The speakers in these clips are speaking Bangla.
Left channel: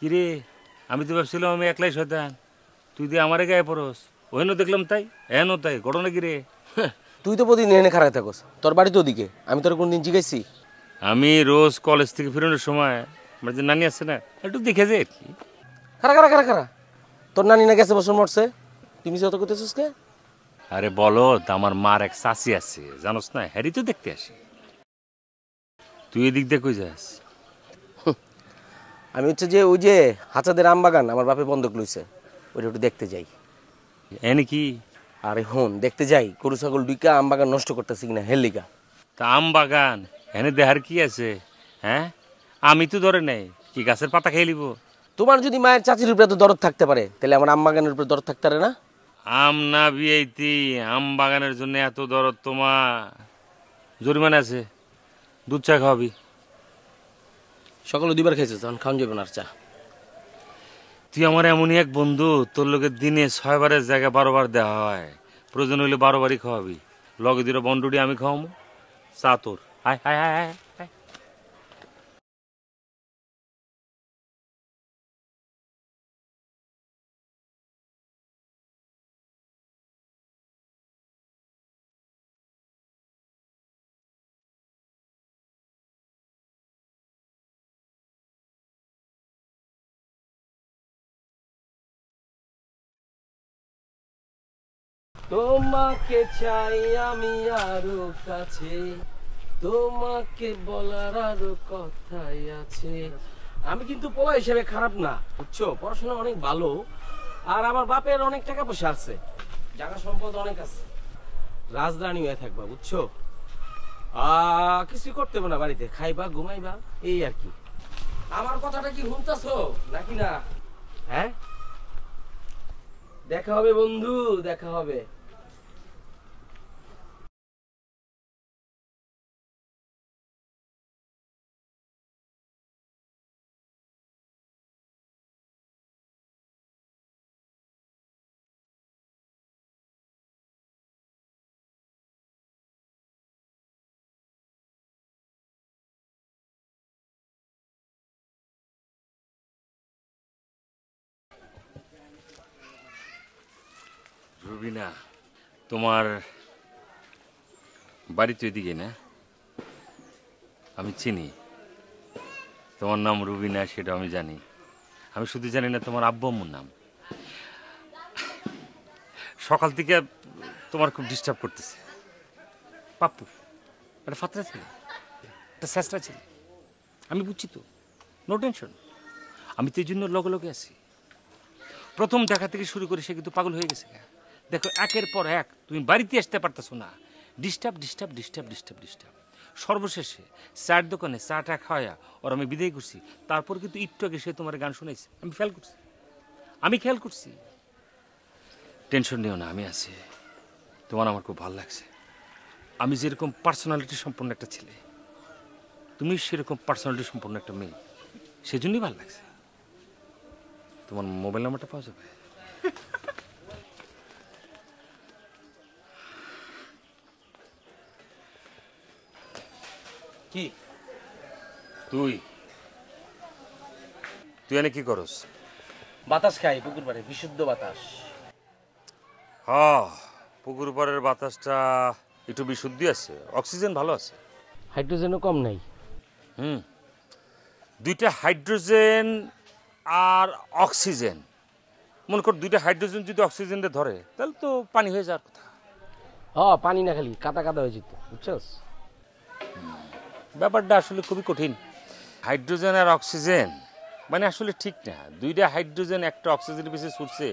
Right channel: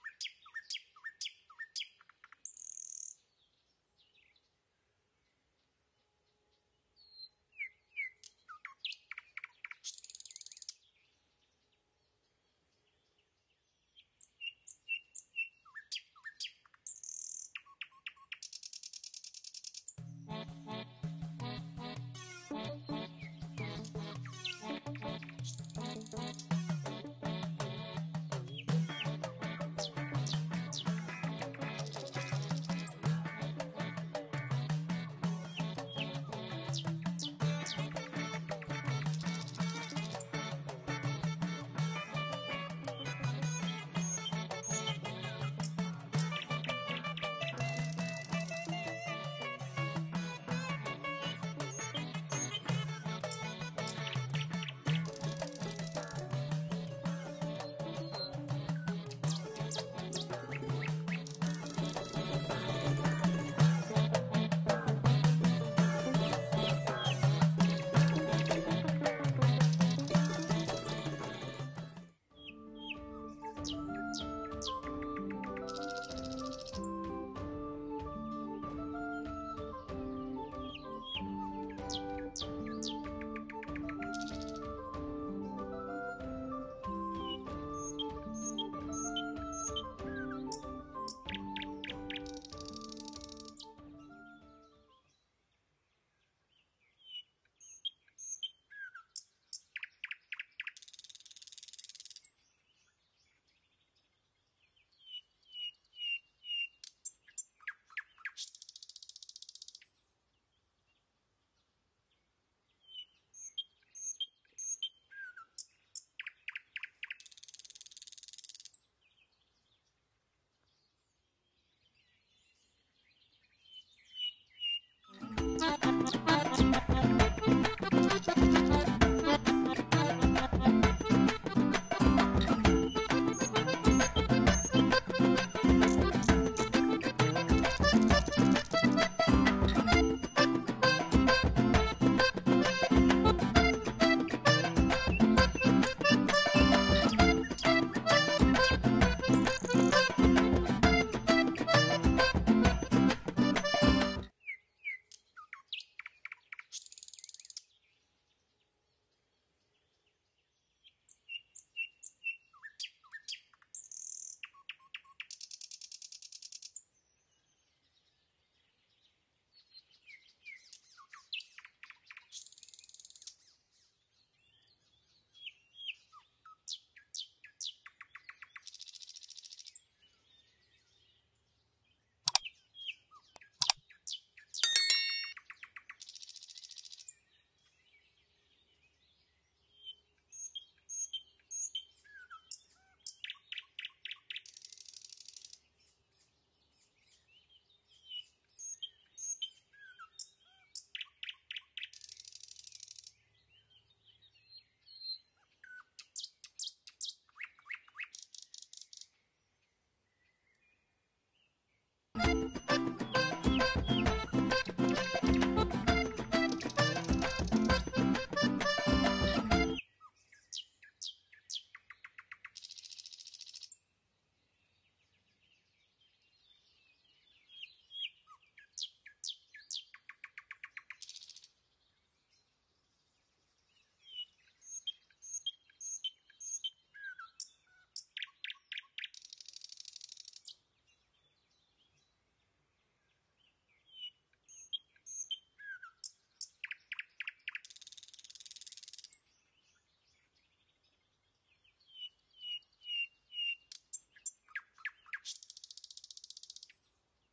কিরে আমি তো ভাবছিলাম আমি একলাই শয়তান, তুই দিয়ে আমারে গায়ে পড়স। ওহেন দেখলাম তাই, এহেন তাই, ঘটনা কিরে? তুই তো প্রতিদিন এনে খারাপ থাকস, তোর বাড়ি তো ওদিকে, আমি তোর কোনদিন জিজ্ঞাসি? আমি রোজ কলেজ থেকে ফেরানোর সময় আমার যে নানি আছে না, একটু দেখে যাই আর কি। খারা খারা খারা খারা, তোর নানি না গেছে বছর মরছে, তুমি যত করতেছিস কে? আরে বলো, তা আমার মার এক চাচি আছে জানোস না, হ্যারি তো দেখতে আসে। তুই এদিক দিয়ে কই যাস? আমি হচ্ছে যে ওই যে হাঁচাদের আম বাগান আমার বাপে বন্ধক লইছে, ওইটা একটু দেখতে যাই। এনে কি? আরে হন দেখতে যাই গরু ছাগল দুইকা আম বাগান নষ্ট করতেছি কিনা হেলিকা। তা আম বাগান এনে দেহার কি আছে? হ্যাঁ, আমি তো ধরে নেই কি গাছের পাতা খেয়ে নিব? তোমার যদি মায়ের চাচির উপরে তো দরদ থাকতে পারে, তাহলে আমার আম বাগানের উপরে দরদ থাকতে পারে না? আম না বিয়েতি, আম বাগানের জন্য এত দরদ তোমার? জরিমানা আছে, দুধ চা খাওয়াবি। সকালে দুইবার খাইছে, তখন খাওয়ান যাবে না আর চা। তুই আমার এমনই এক বন্ধু, তোর লোকের দিনে 6 বারের জায়গায় 12 বার দেওয়া হয়, প্রয়োজন হইলে 12 বারই খাওয়াবি। লগে দিলে বন্ডুটি আমি খাওয়াম, চা তোর। হায় হায় হায় হায়। তোমাকে চাই আমি আরো কাছে, তোমাকে বলার আরো কথাই আছে। আমি কিন্তু পোলা হিসেবে খারাপ না, বুঝছো, পড়াশোনা অনেক ভালো, আর আমার বাপের অনেক টাকা পয়সা আছে, জায়গা সম্পদ অনেক আছে, রাজধানী হয়ে থাকবা, বুঝছো। কিছু করতে হবে না, বাড়িতে খাইবা ঘুমাইবা, এই আর কি। আমার কথাটা কি শুনতেছো নাকি না? হ্যাঁ, দেখা হবে বন্ধু, দেখা হবে। রুবিনা, তোমার বাড়ি তো এদিকে না? আমি চিনি তোমার নাম রুবিনা, সেটা আমি জানি। আমি শুধু জানি না তোমার আব্বু আম্মুর নাম। সকাল থেকে তোমার খুব ডিস্টার্ব করতেছে। পাপ্পু একটা ফাতরা ছিল, একটা চেষ্টা ছিল, আমি বুঝছি তো, নো টেনশন। আমি তো এই জন্য লগে লগে আছি। প্রথম দেখা থেকে শুরু করে সে কিন্তু পাগল হয়ে গেছে। দেখো, একের পর এক তুমি বাড়িতে আসতে পারতেছো না, disturb disturb disturb disturb disturb. সর্বশেষে চার দোকানে চাটা খাওয়া ওর আমি বিদায় করছি। তারপর কিন্তু একটু আগে সে তোমার গান শুনেছে, আমি খেয়াল করছি। টেনশন নিও না, আমি আছি। তোমার আমার খুব ভালো লাগছে। আমি যেরকম পার্সোনালিটি সম্পন্ন একটা ছেলে, তুমি সেরকম পার্সোনালিটি সম্পন্ন একটা মেয়ে, সেজন্যই ভালো লাগছে। তোমার মোবাইল নাম্বারটা পাওয়া যাবে? কি তুই এনে কি করস? বাতাস খাই পুকুর পাড়ে, বিশুদ্ধ বাতাস। হ্যাঁ, পুকুর পাড়ের বাতাসটা একটু বিশুদ্ধি আছে, অক্সিজেন ভালো আছে। হাইড্রোজেনও কম নাই। দুইটা হাইড্রোজেন আর অক্সিজেন, মনে কর দুইটা হাইড্রোজেন যদি অক্সিজেনটা ধরে তাহলে তো পানি হয়ে যাওয়ার কথা। পানি না, খালি কাদা কাদা হয়ে যেত, বুঝছস। ব্যাপারটা আসলে খুবই কঠিন। হাইড্রোজেন আর অক্সিজেন মানে আসলে ঠিক না। দুইটা হাইড্রোজেন একটা অক্সিজেনের পিছিয়ে ছুটছে,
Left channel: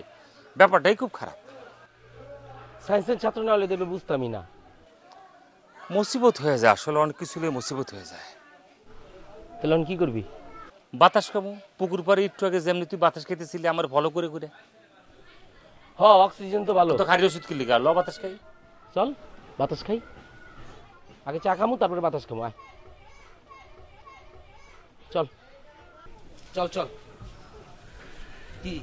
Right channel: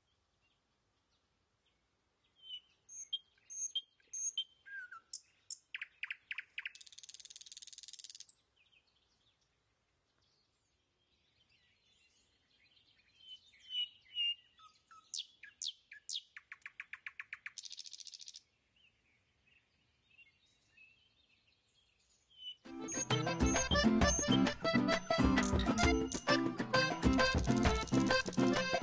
ব্যাপারটাই খুব খারাপ। সায়েন্সের ছাত্র না হলে তো বুঝতামই না। মুসিবত হয়ে যায়, আসলে অনেক কিছু মুসিবত হয়ে যায়। তাহলে কি করবি? বাতাস খাবো। পুকুর পাড়ে একটু আগে যেমনি তুই বাতাস খেতেছিলি আমার ফলো করে করে। অক্সিজেন তো ভালো। তো খালি ওষুধ কিনলি ল বাতাস খাই। চল বাতাস খাই, আগে চা খামু তারপরে বাতাস খামু। আয় চল চল চল। কি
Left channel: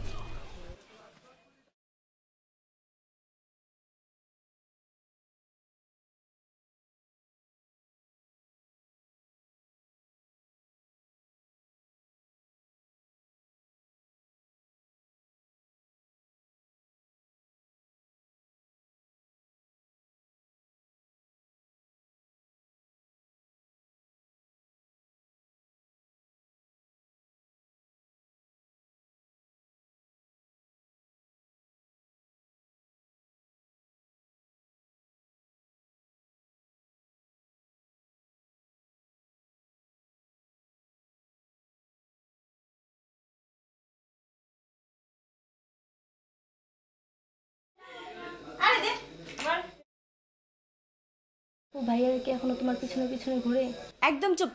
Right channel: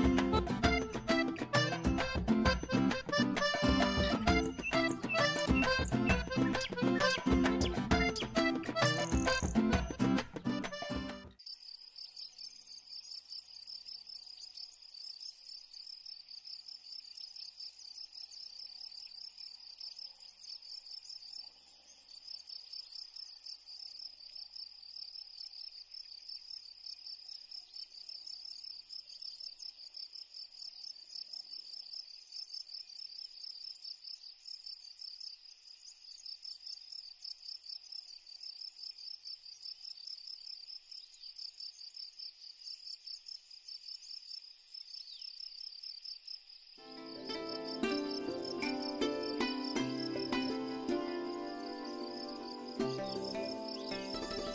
ভাইয়ারা কি এখনো তোমার পিছনে পিছনে ঘুরে? একদম চুপ,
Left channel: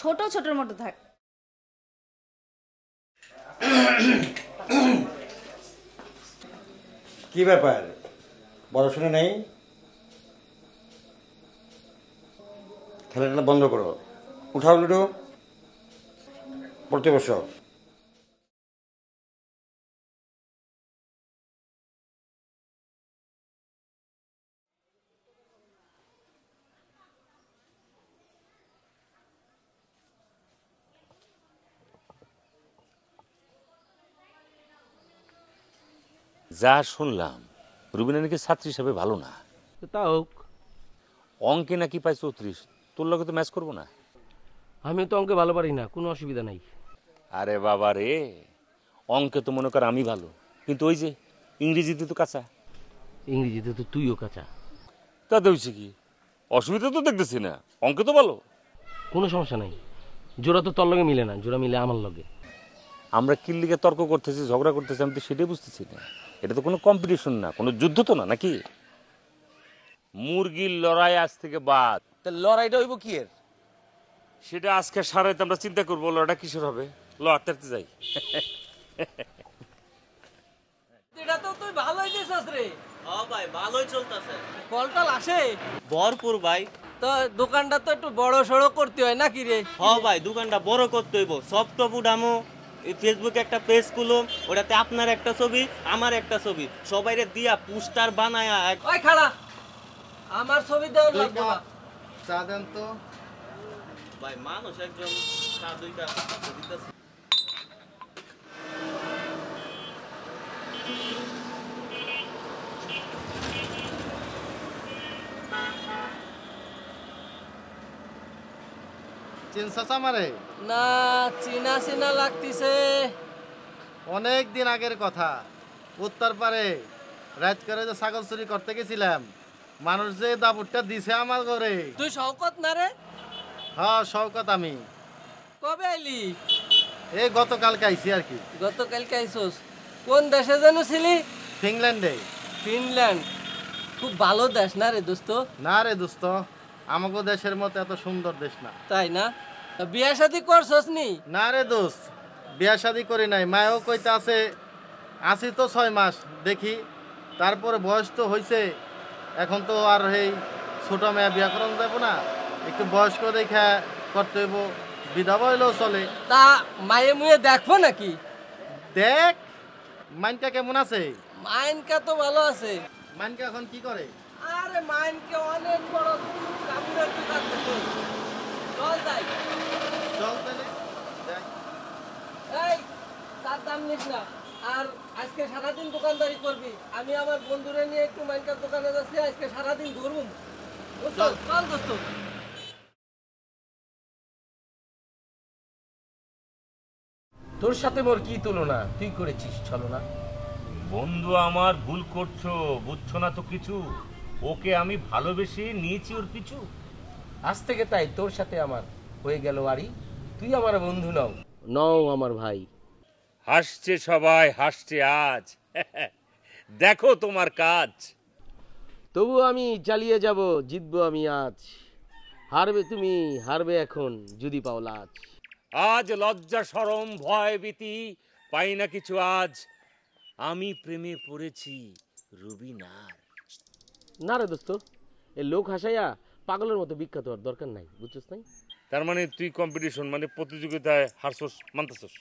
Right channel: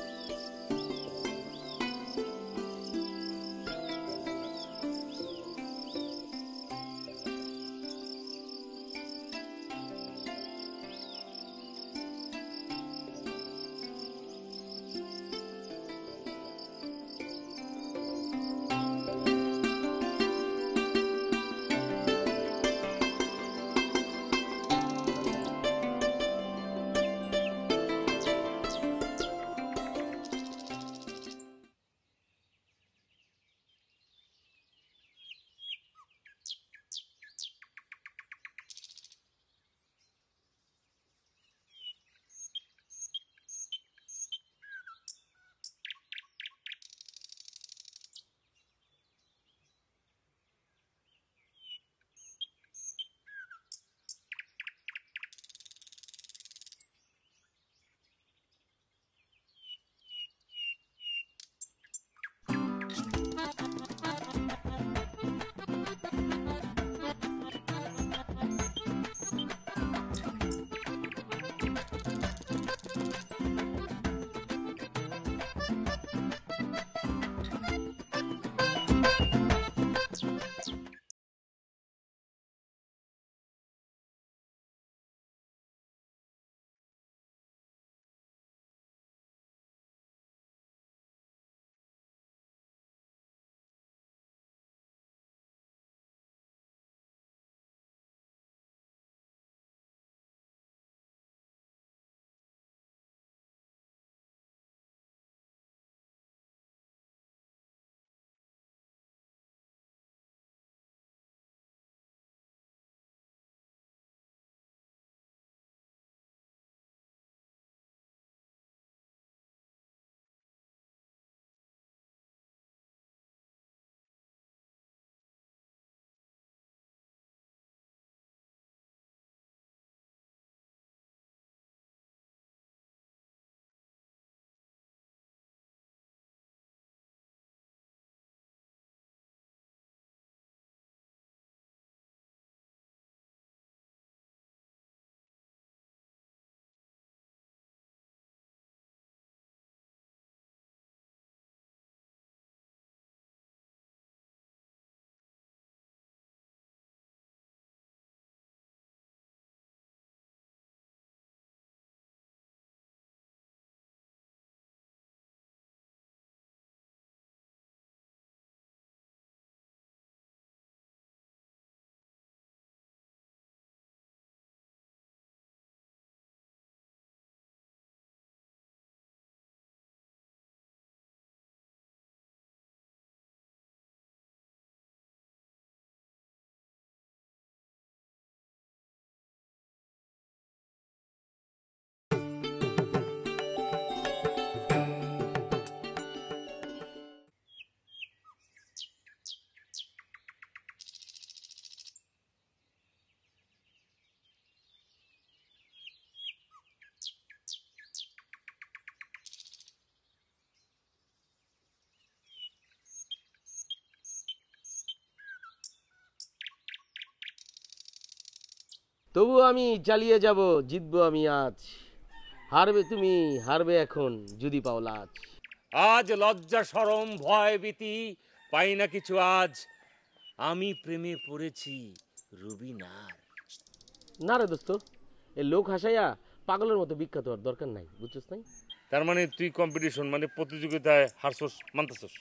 ছোট ছোটর মতো থাক। কি ব্যাপার, পড়াশোনা নেই? খেলাটা বন্ধ করো, উঠাও লুডো, পড়তে বসো। যা শুনলাম রুবিনা নাকি ছাত্রী হিসাবে ভালো না। তা হোক, অঙ্কে নাকি পাই 34, তোর লগে তো ম্যাচ করবো না। আমি তো অঙ্কে ভালো পারি না, কোনো অসুবিধা নাই। আরে বাবা রে, অঙ্কে তো মনে কর আমি ভালো, কিন্তু ওই যে ইংরেজিতে তো কাঁচা। ইংরেজিতে তো তুইও কাঁচা। তাতে হয়েছে কি, অসুবিধা তো দেখতেছি না, অঙ্কে তো ভালো। কোনো সমস্যা নাই, জোড়া তো তোর লগে মিলে না, জোড়া মিলে আমার লগে। আমরা কি লিগে তর্ক করতেছি, ঝগড়া করতেছি, আমি তো সেটাই বুঝতেছি না। এটা তো কোনো কম্পিটিশন না, কোনো যুদ্ধ তো না, নাকি? মুরগির লড়াই আজ থেকে বাদ। লড়াইটা হইব কি? সেটা আজকে সারাইতে আমরা চিন্তা করবো লড়াইটা কিসের হবে। লড়তে যাই। এটা তো তুই ভালোই দিছস রে। হ্যাঁ ভাই, ভালোই চলতেছে। কলটাল আসে ভরপুর ভাই। তো দোকানটা তো একটু বড় সড়ো করতে হয় নাকি রে? হ্যাঁ ভাই, দোকানটা বড় করতে হইব। সফটপ উঠামো, ফেসবুকে একটা পেজ খুলো, ওটাতে আপনার একটা ছবি, আমার একটা ছবি, সবাইরে দিয়া পোস্টার বানায়া ওই খাড়া, আমার ছবি দেওয়া লাগবে না। চা দেন তো। ভাই মানুষ একজন চা দুইটা দিতেছে। চিনছাস আমারে? না, চিনা চিনা লাগতিছে। অনেক দিন আগের কথা, উত্তর পারে রাত করে যে ছাগল চুরি করতে গেছিলাম, মানুষ যে দাবুরটা দিছে আমার ঘরে। তুই শওকত না রে? হ্যাঁ শওকত আমি। কবে আইলি? এই গতকালকে আইছি আর কি। গতকালকে আইছস? কোন দেশে যেন ছিলি? ফিনল্যান্ডে। ফিনল্যান্ড খুব ভালো দেশ না রে দোস্ত? না রে দোস্ত, আমাগো দেশের মতো এত সুন্দর দেশ না। তাই না? বিয়া শাদি করছস নি? না রে দোস্ত, বিয়া শাদি করি নাই। মায়ও কইতে আছে আছি তো 6 মাস, দেখি তারপরে বয়স তো হয়েছে, এখন তো আর এই ছোট মেয়ে বিয়া করানো যাবো না, একটু বয়স্ক দেখা করতে হইব, বিধবা হইলেও চলে। তা মায়ে মুয়ে দেখবো নাকি? দেখ মাইনকা কেমন আছে? মাইনকা তো ভালো আছে। মাইনকা এখন কি করে? আরে মাইনকে অনেক বড় কাপড়ের দোকান দিছে। চল যাই। চল তাহলে দেখ। এই তার দাম নিস না। আর আজকে সারাদিন দোকানদারি করবি। আমি আমার বন্ধুরে নিয়ে একটু মাইনকার দোকানে যাচ্ছি, আজকে সারাদিন ঘুরবো। চল চল দোস্ত। তোর সাথে মোর কি তুলনা, তুই করেছিস ছলনা। বন্ধু আমার, ভুল করছো, বুঝছো না তো কিছু। ওকে আমি ভালোবেসে নিয়েছি ওর পিছু। আজ থেকে তাই তোর সাথে আমার হয়ে গেল আরি, তুই আমার বন্ধু নও, নও আমার ভাই। হাসছে সবাই, হাসছে আজ। দেখো তোমার কাজ। তবু আমি চালিয়ে যাব, জিতবো আমি আজ। হারবে তুমি, হারবে এখন যদি পাও লাজ। আজ লজ্জা শরম ভয় ভীতি পাই না কিছু আজ। আমি প্রেমে পড়েছি রুবিনার। না রে দোস্ত, এই লোক হাসাইয়া পাগলের মতো বিখ্যাত হওয়ার দরকার নাই, বুঝছস নাই? তার মানে তুই কম্পিটিশন মানে প্রতিযোগিতায় হারছস, মানতেছস?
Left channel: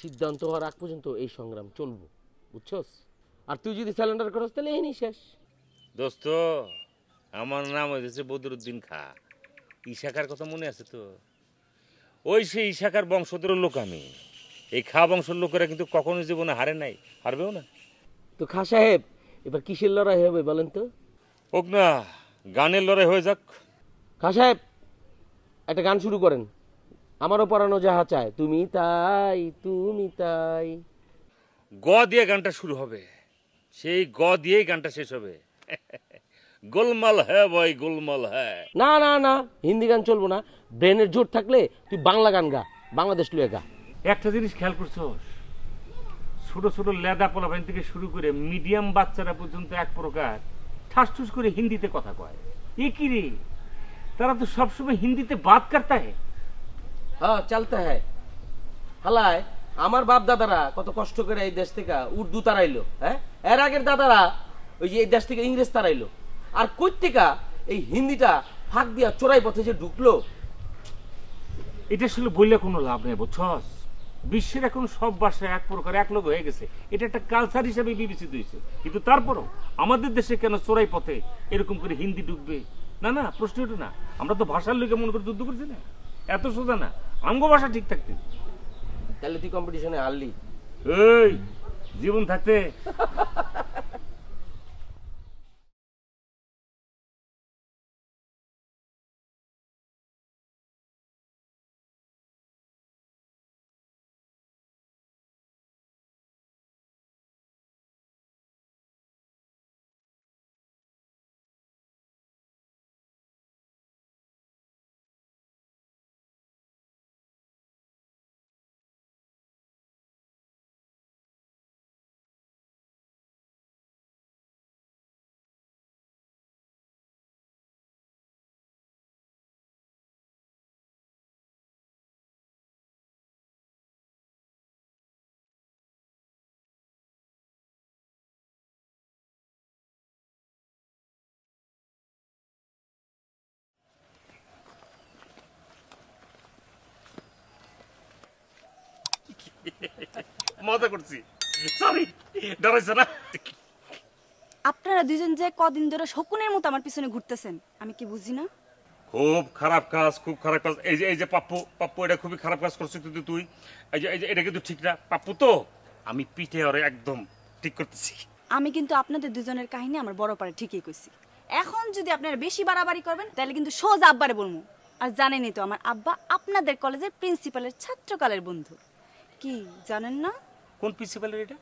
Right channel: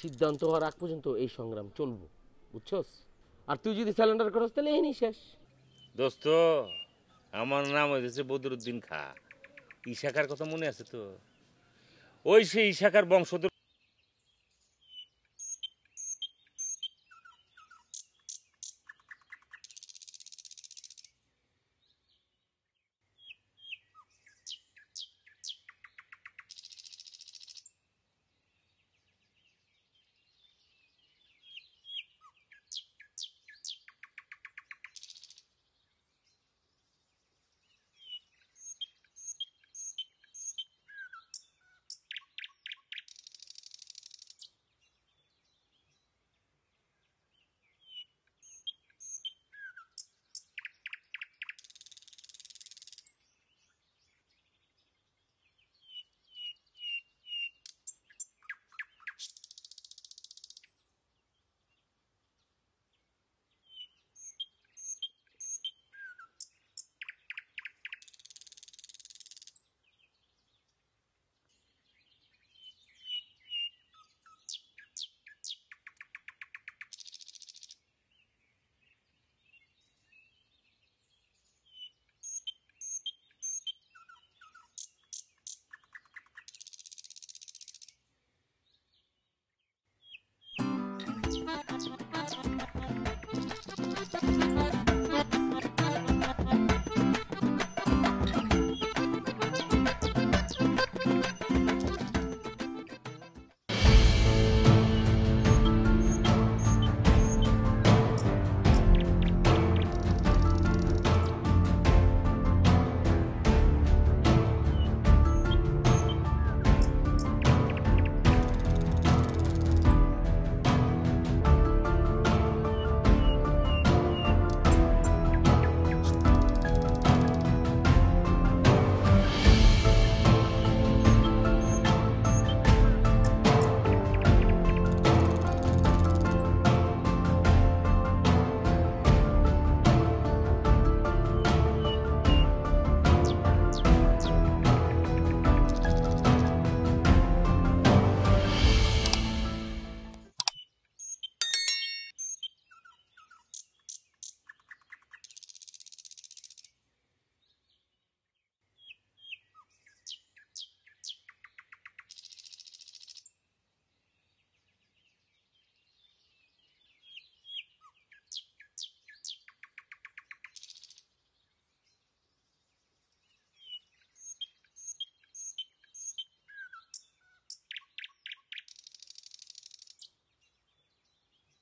সিদ্ধান্ত হওয়ার আগ পর্যন্ত এই সংগ্রাম চলবো, বুঝছস? আর তুই যদি স্যালেন্ডার করস তাহলে এই শেষ। দোস্ত, আমার নাম হয়েছে বদরুদ্দিন খা। ইশাকার কথা মনে আছে তো? ওই সেই ইশাকার বংশধর লোক আমি। এই খা বংশের লোকেরা কিন্তু কখনো জীবনে হারে নাই, হারবেও না। তো খা সাহেব, এবার কিসের লড়াই হবে বলেন তো? হোক না, গানের লড়াই হয়ে যাক। খা সাহেব, একটা গান শুরু করেন। আমারও পড়ানো যাহা চায়, তুমি তাই তুমি তাই। গ দিয়ে গানটা শুরু হবে, সেই গ দিয়েই গানটা শেষ হবে। গোলমাল হ্যাঁ ভাই, গোলমাল হ্যাঁ। না না না, হিন্দি গান চলবো না। ব্রেনের জোর থাকলে তুই বাংলা গান গা, বাংলাদেশ লুয়ে গা। একটা জিনিস খেয়াল করছো, ছোট ছোট লেদা পোলাপাইন থেকে শুরু করে মিডিয়াম বাচ্চারা পর্যন্ত এক প্রকার ঠাস ঠুস করে হিন্দিতে কথা কয়। এ কি রে, তারা তো সবসময় হিন্দিতে বাত করতা है। হ্যাঁ চলতে হ্যাঁ। হালায় আমার বাপ দাদারা কত কষ্ট করে এই দেশ থেকে উর্দু তারাইলো, হ্যাঁ এর আগের দাদারা ওই যে এই দেশ থেকে ইংরেজ তারাইলো, আর কই থেকে এই হিন্দিটা ফাঁক দিয়া চোরাই পথে যে ঢুকলো। এটা আসলে বললে কোনো লাভ নেই বুঝছস। বিশ্বের এখন সব ভাষা এক প্রকার এক লোক হয়ে গেছে, এটা একটা কালচার হিসেবে বিবেচিত হয়েছে। কিন্তু তারপরও আমাদের দেশে কেন চোরাই পথে এরকম করে হিন্দি ঢুকবে? না না, প্রশ্ন এটা না। আমরা তো ভাষার লোকে মনে করে যুদ্ধ করছি না, এত সোজা না। আঙ্গ ভাষা ঠিক থাকতে। তাহলে তুই কম্পিটিশনে হারলি। এই জীবন থাকতে মজা করছি। সরি, ডরাইছ না? আপনারা দুজন যে কদিন ধরে শকুনের মতো আমার পিছনে ঘুরতেছেন, আমি কি বুঝি না? খুব খারাপ কাজ, খুব খারাপ কাজ। এই যে পাপ্পু, এটা খুবই খারাপ কাজ করছিস তুই। এই যে এটা কিন্তু ঠিক না পাপ্পু। তো আমি পিঠে ওরে একদম ঠিক করতেছি। আমি কিন্তু আপনাদের দুজনের কাহিনী আমার বড় পারে ঠিকই কইছি। এখন যদি আপনারা বেশি বাড়াবাড়ি করবেন তাহলে কিন্তু সোজা আব্বারে বলবো। আর জানেনই তো আমার আব্বা আপনাদের কলেজের প্রিন্সিপালের ছাত্রকালের বন্ধু। কি জানেন না? কোন প্রিন্সিপালের এটা?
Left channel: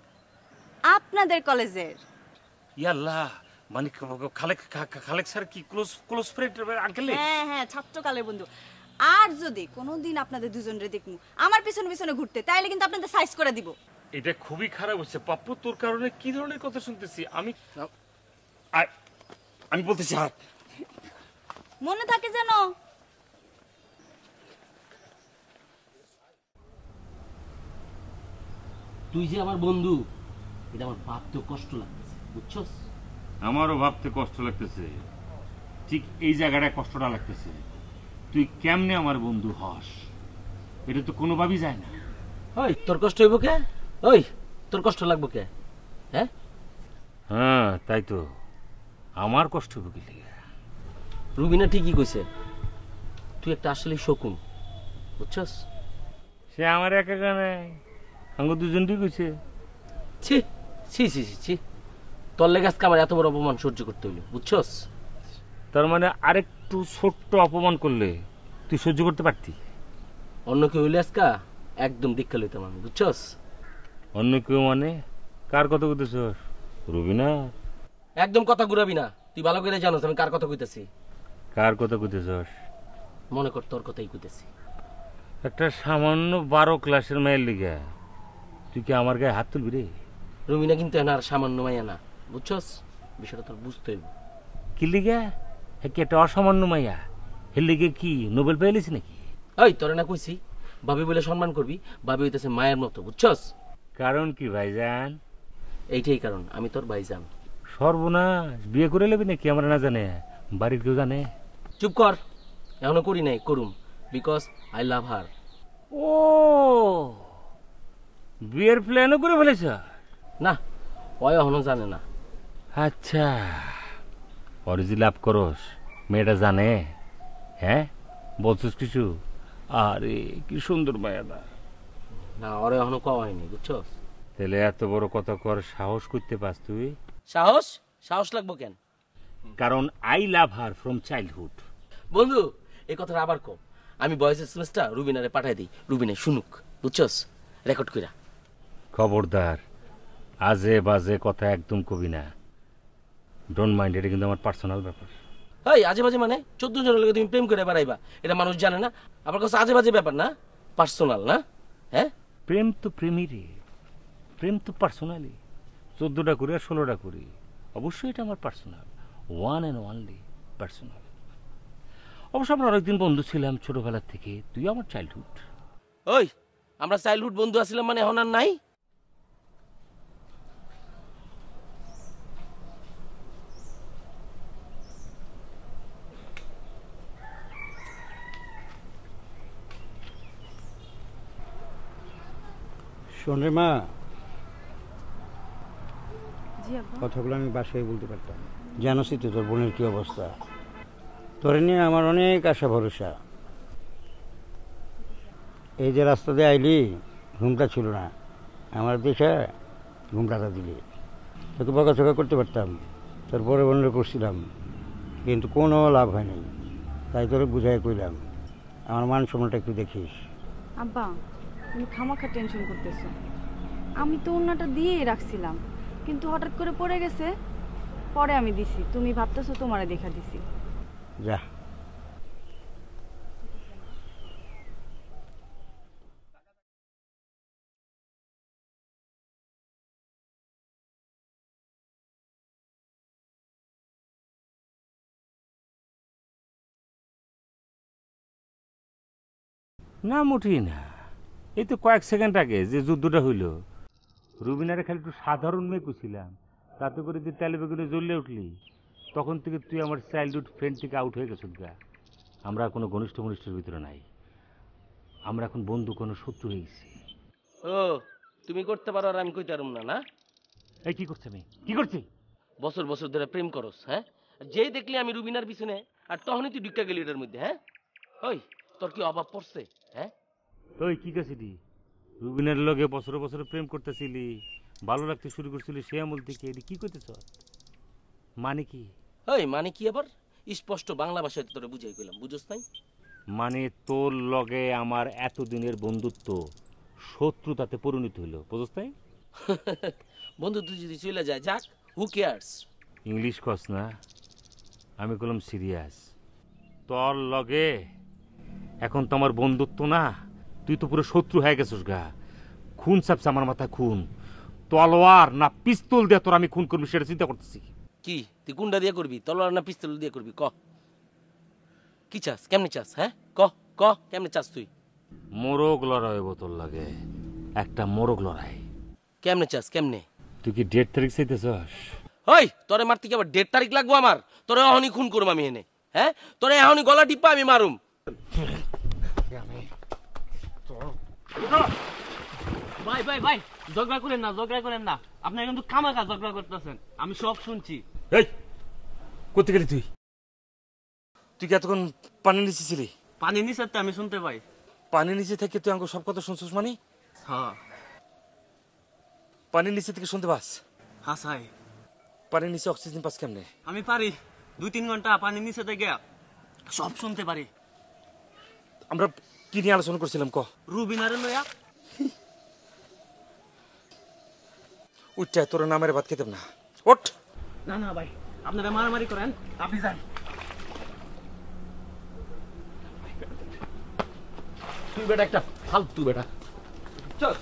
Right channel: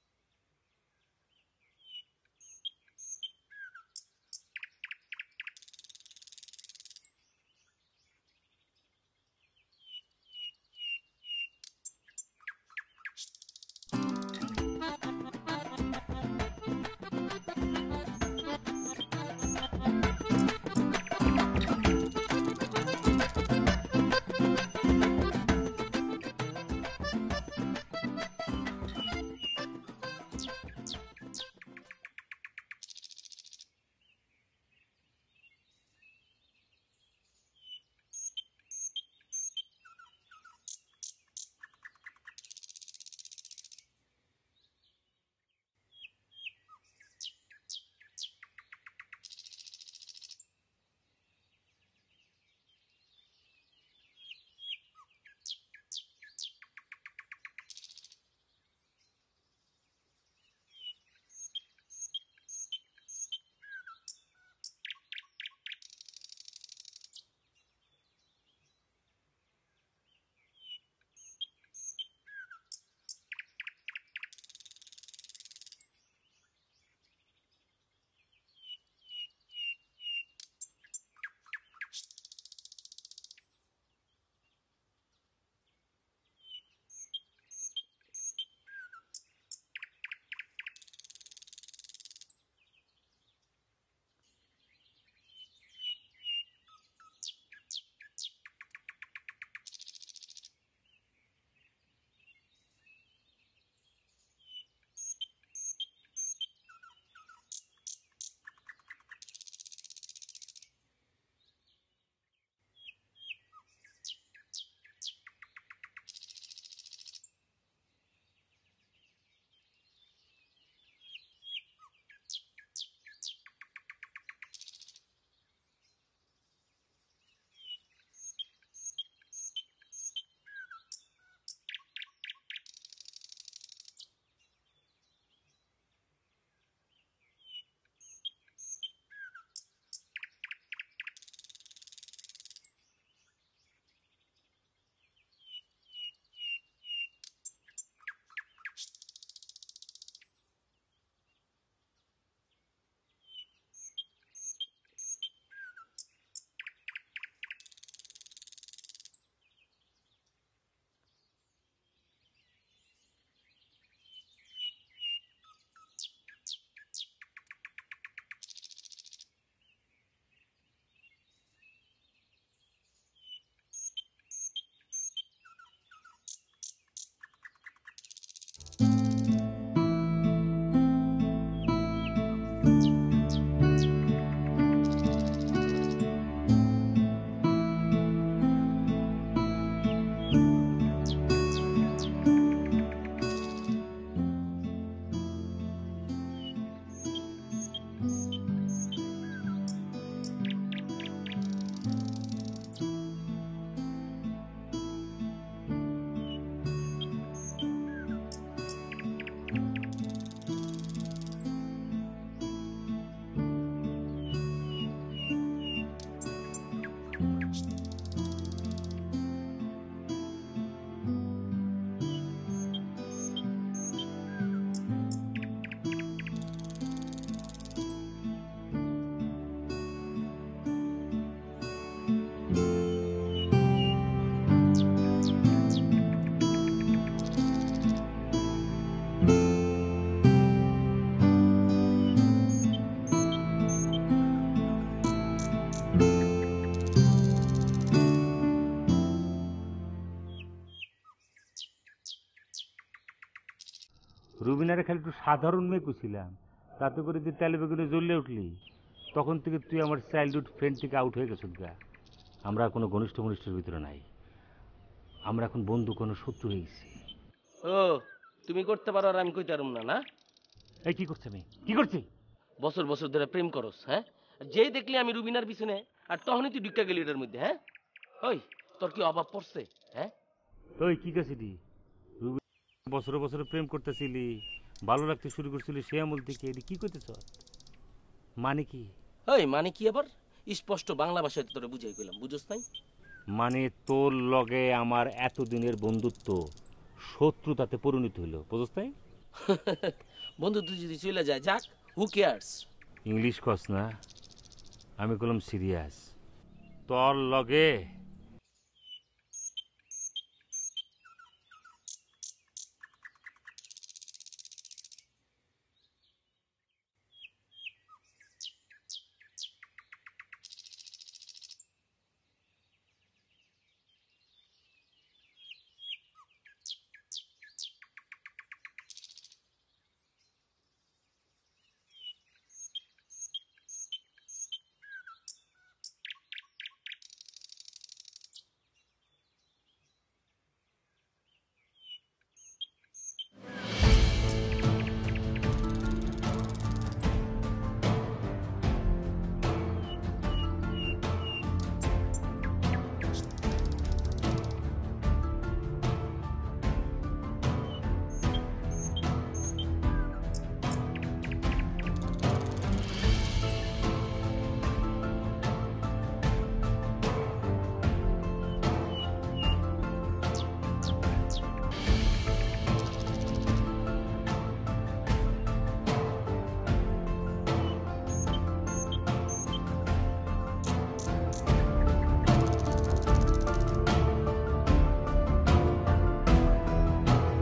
আপনাদের কলেজের। ইয়াল্লাহ, মানে খালেক স্যার কি ক্লোজ ফ্রেন্ড আঙ্কেল? হ্যাঁ হ্যাঁ, ছাত্রকালের বন্ধু। আর যদি কোনোদিন আপনাদের দুজনের দেখমু আমার পিছনে পিছনে ঘুরতে, তাহলে কিন্তু আপনাদের সাইজ করে দিব। এটা খুবই খারাপ হচ্ছে পাপ্পু। তোর কারণে কি ধরনের কথা শুনতেছি আমি বলতেছি। মনে থাকে যেন। তুই যে আমার বন্ধু, এটা আমার ভাবতে কষ্ট লাগছে, বুঝছস? আমারও ভাবতে কষ্ট লাগতেছে, ঠিক এই জায়গাটায় কষ্টটা লাগতেছে। তুই কেমনে আমার বন্ধু হস, এটা তো কোনোভাবেই যায় না। ওই তোর কষ্ট হইব কে? ওই তোর কষ্ট লাগবো কে? হ্যাঁ হ্যাঁ, তাই তো আমার কষ্ট হবে। রুবিনা ঠিকই কইছে, তুই একটা আসলে শকুন, বুঝছস? সে আমার একা গানে আঙ্গ দুজনই কইছে। ছি ছি ছি ছি ছি, তোর লেগে আজকে আমার এত বড় অপমান সহ্য করতে হইলো, বুঝছস? তার মানে আরেকটু ছোট্ট অপমান করলে তুই সহ্য করতে পারতি? অন্য কেউ হইলে আজকা একদম দীক্ষা লইতাম আমি, বুঝছস? অন্য কেউ মানে কার কথা কইতেছ? রুবিনা? একদম কথা ঘুরাবি না, তুই ভালো করে জানোস আমি কার কথা কইতেছি। কার কথা কইতেছ? মনে কর তোর কথাই কইতেছি। একটা সামান্য 12 ক্লাসের মেয়ের লিগা তুই কি আমার গায়ে হাত তুলবি রে? রুমিনা কিন্তু এনার সামান্য মাইয়া না, বুঝছস? বিষয়টা তোর বুঝতে হইব। কি লিগা? কি একটা অসামান্য মাইয়া, এর লিগে কি নোবেল পেয়েছিস নাকি? ওই তোরে না কইছি ভাবি বলে সম্মান করবি, ভাবি হইতেছে মায়ের মতো, বুঝছস? কারণ কি ভাইজান? এইটাই কারণ, আমি তোর ভাইজান। সর্বনাশ, বিয়ে করে নেবি নাকি আমরা না জানে? বাড়ির কেউ জানে? চুপ কর, এখনো করি নাই, করুম, বিকজ আই লাভ হার। ও, বিয়ের প্ল্যানও করে ফেলেছ? না, ওই এখনো জানে না। আচ্ছা, অরিজি লাভ করস, মেয়েটা জানে? হ্যাঁ, বলছিস কিছু? আরে কি সুন্দর মায়াদা। না, ওরে এখনো কওয়া হয়নি, বুঝছো? তাহলে এত বড় কথা কর সাহস করতে পাস তুই? সাহস? সাহস লাগবো কেন? কারণ I love her from childhood. বন্ধু, এই কথাটা আবার কম। আমি ভয়েস এসএমএসটা রুবিনারে পাঠাই দিই, রুবিনা শুনুক, বুঝছস? রেকর্ড কইরা। খবরদার, আজে বাজে কথা একদম কবি না। ডোন্ট মাইন্ড, এটা কিন্তু আমার পার্সোনাল ব্যাপার। এই আজে বাজে মানে 14 জনের লগে তুমি প্রেম করে বেড়াইবা, এটা মানুষ জানে না? আবার কাছে আজে বাজে ব্যাপার না, পার্সোনাল না? হ্যাঁ, প্রেম তো প্রেমই রে, প্রেম তো পার্সোনালি। 14টা করি আর 16টা করি, অবশ্যই এটা আমার personal, one and only personal. অবশ্য আমরা অনেকদিন বন্ধু ছিলাম ছোটবেলার থেকে, তুই আমার চাইল্ডহুড। ওই আমরা চাইল্ডহুড বন্ধু আছিলাম মানে এখন আর নাই? শোনে মা, জি আব্বা। কথাগুলো আমি বাসায় বলতে পারতাম। জানোসই তো তোর বোনের কি অবস্থা। তোরে নিয়ে আমার অনেক আশা ভরসা। এই যে রাস্তা দিয়ে আইলি, ঘুমটা ছিল না, আমার দেখে ঘুমটাটা দিলি। তোকে বকাঝকা করতে পারতাম, তোর বড় বোনের করছিলাম, কিন্তু কোনো লাভ হয়নি। তাই তোকে বুঝাই কইলাম, আমার মান সম্মানটা একটু দেখিস। আব্বা তুমি খামাখা টেনশন করতেছো। আমি তো ওড়নাটা দিয়েই রাখছিলাম, কিন্তু হঠাৎ করে পড়ে গেছে, পরে আমি দিছি। তুমি ভাবতেছো তোমারে দেখা দিছি। যা। না মোটেই না, এই তো কয়েক সেকেন্ড আগে যে যুদ্ধটা হইল, রুবিনারে খালি একটু সাধারণ মেয়ে কুছিলাম, তাতে করে যে তেলে বেগুনে জ্বললে উঠলি, তখন থেকে তুই আমার চাইল্ডহুড ফ্রেন্ড থেকে আউট হয়ে গেছিস গা। আমরা কোনো ঘনিষ্ঠ ঘনিষ্ঠের ভিতরে নাই, আমরা এখন বন্ধু, কোনো শত্রু হয়ে গেছি। ও তুমি করতে পারো আর আমি কইতে পারুম না? না এই কি করছে আমি, কি করছি? বছর বছর ধরে প্রেম করস, হ্যাঁ? যেই দেখলি আমি রুবিনার পিছনে, আর তখনই তুই ঢুকা গেলি এটার মধ্যে। হ্যাঁ ওই তোর কি অভাব পড়ছে? হ্যাঁ ওই কি গেছিলি রুবিনার লগে বছর বছর প্রেম করতেছিলি, ভালো লাগতে শুরু করছিলি, সে আমল থেকে এটি কি করতেছ? মানে কি? ওই মানে কি আবার স্পষ্ট বাংলা ভাষায় তোরে বুঝাই কইলাম, বুঝছ নাই? মানে তোর লগে আমার এতদিনের বন্ধুত্ব শত্রুতাতে পরিণত হইল, বুঝছ নাই? বন্ধুত্ব যদি চলে যায় যাক, হু কেয়ারস? ইংলিশ কস না, আমি কলম সিরিয়াস। তোর লগে এখন তো আমার বন্ধুত্ব না, তুই তো পুরো শত্রু হয়ে গেছিস গা। খুন চাপছে আমার মাথা, খুন। তলোয়ার না পিস্তল দিয়ে তোর আমি খুন করবি সেটা চিন্তা করতেছি। কি তুই গুন্ডা দিয়ে করবি, তলোয়ার না পিস্তল দিয়ে করবি? ক কি চাস, কেমনে চাস? হ্যাঁ ক ক কেমনে চাস তুই? মোরগ লড়াই হইব তোর লাগে, একটা মোরগ লড়াই। কেমনে চাস, কেমনে? তুই কি 1.5 তারিখ চাইতেছস? ওই তোরে মারতে কি আবার 1.5 তারিখ লাগবো আমার? তোরে এখনই খুন করুম আমি এনে। হ্যাঁ তোরে এখনই গলা টিপা আমি মারুম। ভাই ভাই ভাই, ঝগড়া করেন না, ঝগড়া করেন না। আপনি কিন্তু খামাখা ঝগড়া করতেছেন, আমি সব শুনছি। এই কোথায় গেলি তুই? তুই কি এতক্ষণ পানি নিচে ছিলি? পানি নিচে আমি শুনতে পাই। পানি নিচে থেকে তুই আমাকে সব কথা শুনছিস? মানে হ্যাঁ পানির নিচে থেকে শুনতে পাস? আসাই পানির নিচে অক্সিজেন পাস কেন? আমি পারি 2-3 ঘন্টা পানি নিচে থেকে সব শুনতে পারি। আমরা কি নিয়ে আলোচনা করছিলাম ক? রুবিনারে লইয়া। উচ্চায় তোর নামের ভাত খেতে না। ওঠ। না না ভাই, আপনারা মারামারি করেন, আপনি যান। তুই বেটা একটা ফালতু বেটা। চল।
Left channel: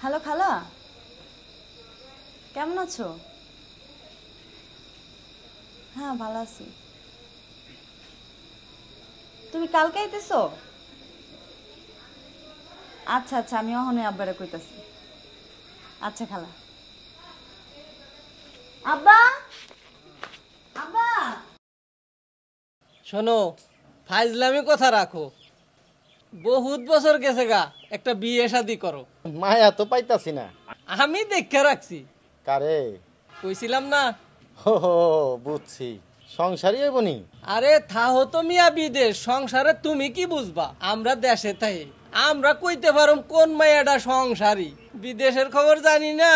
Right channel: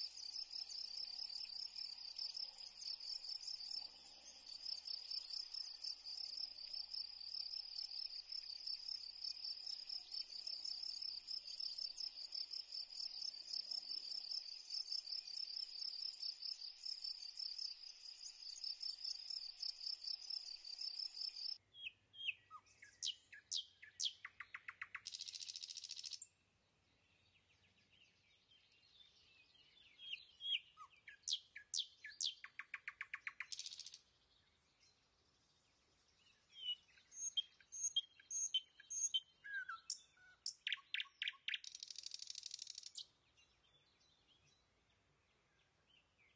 হ্যালো খালা, কেমন আছো? হ্যাঁ ভালো আছি। তুমি কালকে আইতেছো? আচ্ছা আচ্ছা, আমি ওখানে আব্বারে কইতাছি। আচ্ছা খালা। আব্বা আব্বা শোনো, ফাইজলামি কথা রাখো। বহুত বছর গেছে গা, একটা বিয়ে শাদি করো। মায়া তো পাইতাছি না। আমি দেখে রাখছি। কারে? কইছিলাম না? হো হো, বুঝছি, সংসারই হইবনি। আরে থাহো তো মিয়া বিদেশ, সংসারে তুমি কি বুঝবা? আমরা দেশে থাই, আমরা কইতে পারুম কোন মায়াটা সংসারী। বিদেশের খবর জানি না।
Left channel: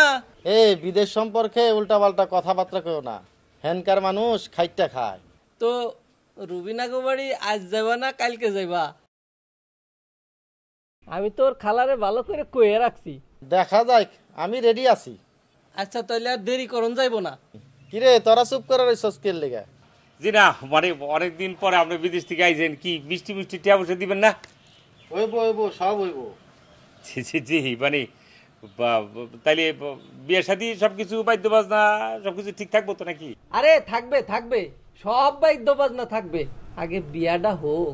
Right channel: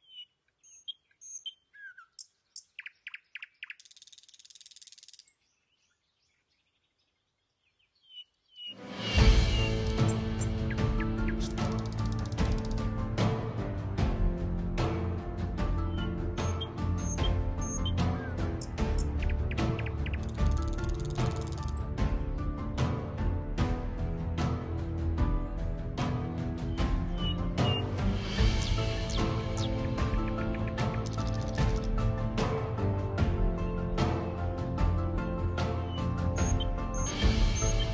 বিদেশ সম্পর্কে উল্টাপাল্টা কথাবার্তা কেউ না, হেনকার মানুষ খাইটা খায়। তো রুবিনা গো বাড়ি আজ যাবা না কালকে যাইবা? আমি তোর খালারে ভালো করে কয়ে রাখছি। দেখা যাক, আমি রেডি আছি। আচ্ছা তাহলে আর দেরি করন যাইবো না। কিরে তোরা চুপ করে রইছস কেল লেগা? জি না, মানে অনেকদিন পরে আপনি বিদেশ থেকে আইছেন, কি মিষ্টি মিষ্টি টিয়া বসে দিবেন না? হইব হইব, সব হইব। জি জি জি, মানে তাইলে বিয়ে শাদী সবকিছু বাদ্য বাজনা সবকিছু ঠিক থাকবো তো নাকি? আরে থাকবে থাকবে, সব বাদ্য বাজনা থাকবে, আগে বিয়াটা হোক।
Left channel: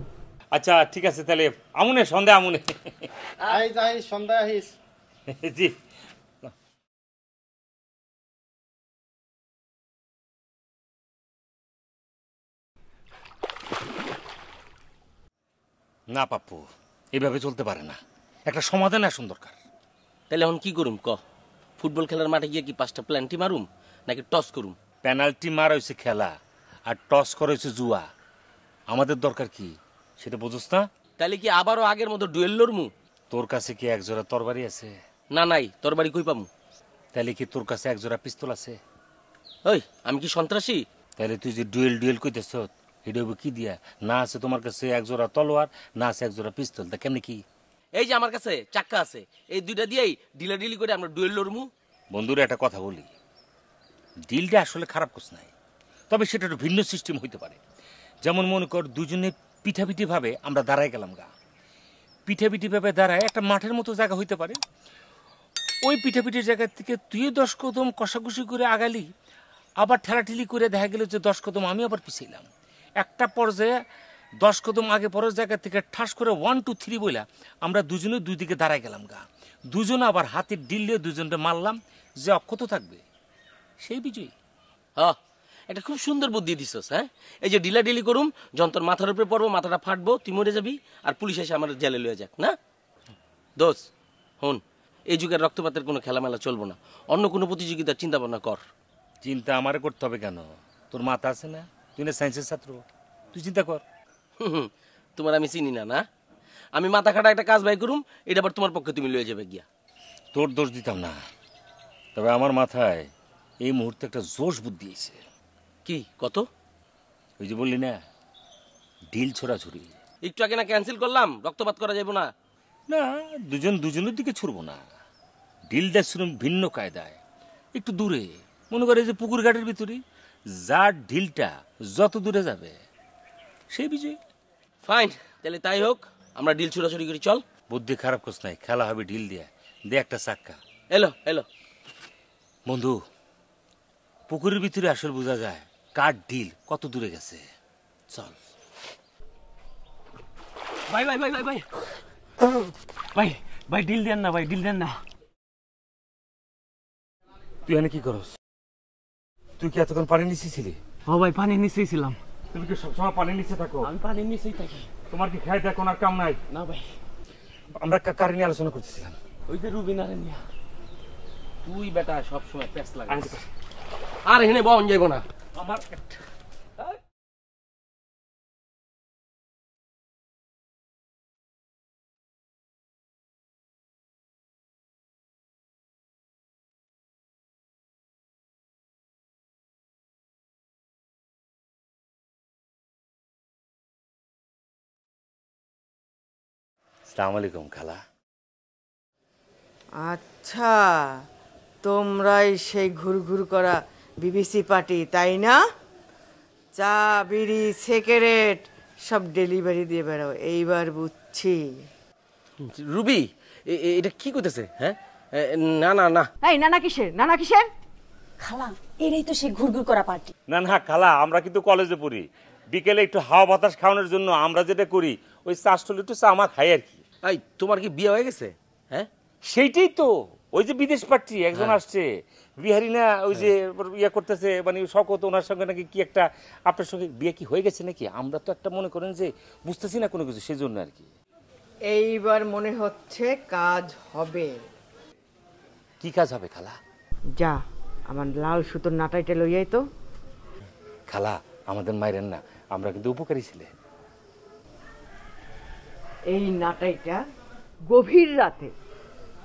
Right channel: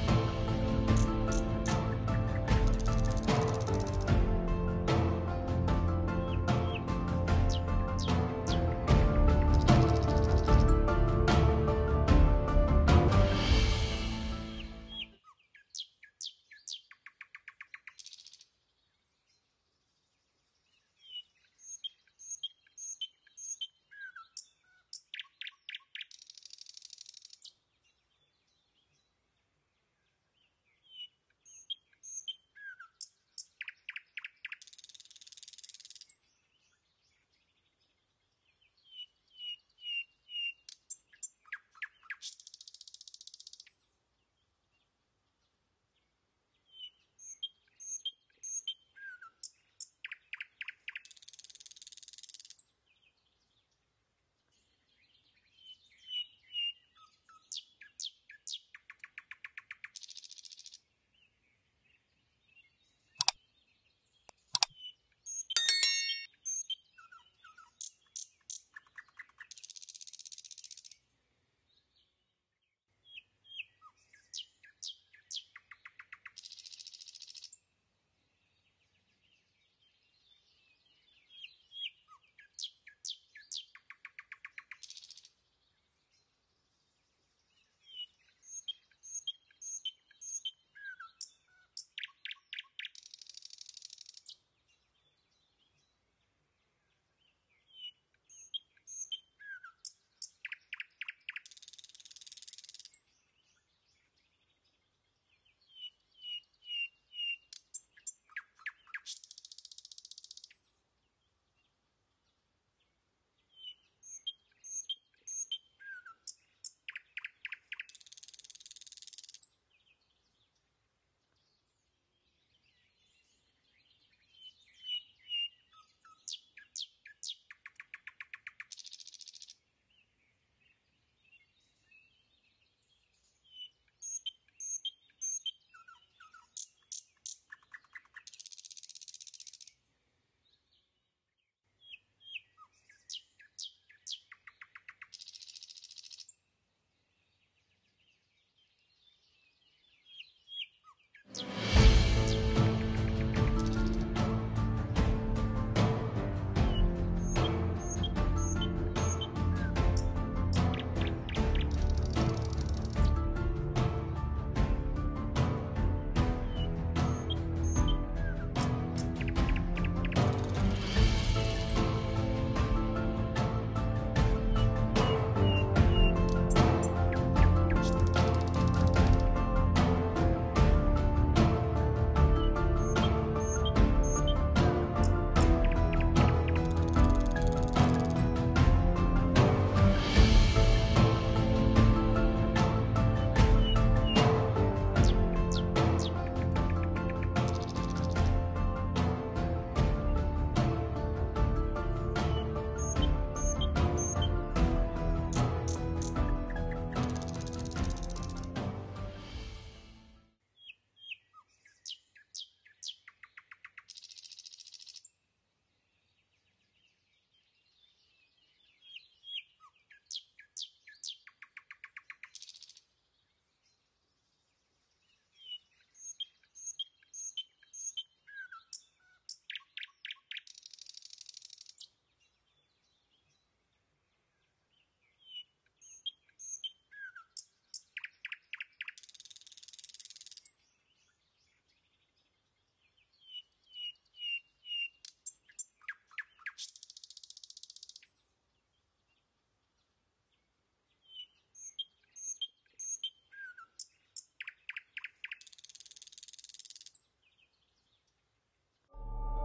আচ্ছা ঠিক আছে, তাহলে আমুনে সন্ধ্যা আমুনে। যাই সন্ধ্যা আহিস। জি। না পাপ্পু, এভাবে চলতে পারে না, একটা সমাধান আসুন দরকার। তাহলে এখন কি করুম ক? ফুটবল খেলার মাঠে গিয়ে কি 5টা প্ল্যান্টি মারুম নাকি টস করুম? পেনাল্টি মারা হয়েছে খেলা, আর টস করা হয়েছে জুয়া। আমাদের দরকার কি সেটা বুঝোস না? তাহলে কি আবারও আগের মতো ডুয়েল লড়মু? তোর কাছে কি একজোড়া তরবারি আছে? না নাই, তোর বাড়ি কই পামু? তাহলে কি তোর কাছে একজোড়া পিস্তল আছে? ওই আমি কি সন্ত্রাসী? তাহলে তুই যে ডুয়েল কইতেছ এটা কি দিয়া? না আছে তোমার কাছে একজোড়া তলোয়ার, না আছে একজোড়া পিস্তল, তা কেমনি কি? এই যে আমার কাছে চাক্কা আছে, এই দুইটা দিয়েই ডিলাডিলি করে আমরা ডুয়েল লড়মু। বন্ধুরা একটা কথা বলি, ডিলটা আসলে খারাপ কোস নাই, তবে সেটা একটু ভিন্ন সিস্টেম হইতে পারে। যেমন মনে কর দুজনে পিঠাপিঠি ভাবে আমরা দাঁড়ায় গেলাম গা, পিঠাপিঠি ভাবে দাঁড়ায় একটা মাঠের মতো জায়গা হইতে পারে। ওই পিঠাপিঠির জায়গা থেকে তুই 10 কদম কষাকষি করে আগালি, আবার ঠেলাঠেলি করে দেখা গেল যে 10 কদম আমি আবার পিছাইলাম। একটা পর্যায়ে 10 কদম আগে পরের জায়গা থেকে ঠাস করে 1 2 3 বইলা আমরা দুজনে দুই দিকে দাঁড়ায় গেলাম গা। দুজনে আবার হাতের ডিল দিয়ে দুজনটা মারলাম, যে অক্ষত থাকবে সেই বিজয়ী। হ্যাঁ, এটা খুব সুন্দর বুদ্ধি দিছস। হ্যাঁ, এই যে ডিলাডিলি করুম, যন্তর মাথার উপরে পড়বো, মাথাটা ফাটবো, তুই মরে যাবি, আর পুলিশ এসে আমার জেলে লয়ে যাক না। দোষ হন, এই যুগের রক্তপাতের কোনো খেলামেলা চলবো না, অন্য কোনো প্রতিযোগিতার চিন্তা ভাবনা কর। চিন্তা আমারে করতে হবে কেন? তোর মাথা আছে না, তুই না সায়েন্সের ছাত্র, তুই চিন্তা কর। তোমার আমি চিনি না না, আমি মাথা খাটা একটা কাজ বাই করুম, এটা আবার তোমার পক্ষে তুমি লয়ে যাবে গিয়া। তোর দোষ দিতাম না, তবে আমার মাথায় এই মুহূর্তে একটা জোশ বুদ্ধি আছে। কি কত? ওই যে বললি না ডিল ছোড়াছুড়ি, একটু আগে না ক্যান্সেল করলাম, রক্তপাত করা যাবে না। না দুজনের দিকে ছুড়বো না, ডিলটা শুনুন ভিন্ন কায়দায়, একটু দূরে, মনে করে যে পুকুর ঘাটের ভিতরে যার ঢিলটা যত দূরে যাবে সেই বিজয়ী। ফাইন, তাহলে তাই হোক, আমরা ডিল ছুড়াছুড়ি করি, চল। বুদ্ধি খারাপ করছ নাই, খেলা হবে ঢিল দিয়ে, দে একটা চাক্কা। এলো এলো বন্ধু, পুকুরের ভিতরে আসল বোঝা যায় কার ঢিল কত দূরে গেছে। চল ভাই ভাই ভাই ভাই ভাই ভাই ভাই, ডিল দেন না ভাই, ডিল দেন না। তুই এখানে কি করস? তুই কি এতক্ষণ পানি নিচে ছিলি? ও ভাই, পানি নিচেই ছিলাম। তুমি কি সবসময় পানি নিচে থাকো? আমি পানি নিচেই থাকি। তোমার কি খাই দেখো না কাম নাই? না ভাই, আমরা কার নিয়ে আলোচনা করতেছিলাম? ওই যে রুবিনা মুড়ি বেটা সবসময় ব্যস্ত লাগে। আচ্ছা, আর এখানে বন যাইব না। আমার আসসালামু আলাইকুম খালা। আচ্ছা, তোমরাই সেই ঘুরঘুর করা বিবিসি পার্টি, তাই না? চা, বিড়ি, সিগারেট সব ডেলিভারি দিয়ে বেড়াও, এইবার বুঝছি। রুবি, এটা কি করতেছে? হ্যাঁ, না না না, এই নানা কিসের, নানা কিসের? খালা, এটাই তো সেই ঘুরঘুর করা পার্টি। না না খালা, আমরা কিন্তু কলেজে পড়ি, বিকেলে একটু হাওয়া বাতাস খাওয়ানোর জন্য আমরা যেটা করি ওই চাষটলে একটু চা মা খাই আর কি। এই তোমার কি বিয়ে হয়ে গেছে? হ্যাঁ, সেইটাই তো, ওই যে বিদেশ পাচ্ছি একজন আসছে বিহারি না, ওই যে ইয়ে করতেছে, মানে শকত, ওনার সঙ্গে নাকি কি একটা, আপনার সঙ্গে বিয়ে কি হয়ে গেছে নাকি? আমরা তো একটা মনে করেন যে বুঝতেছি না কোনো কিছু, সেই জন্য আর কি। এইবার মনে হচ্ছে কাজ হবে। কি কাজ হবে খালা? যা, আমার লাল সুতোর নাটাইটা লইয়াই তো। খালা আমাদের মায়ের না, আমরা কিন্তু উপকারী ছিলে। এই নাটাইটা গভীর রাতে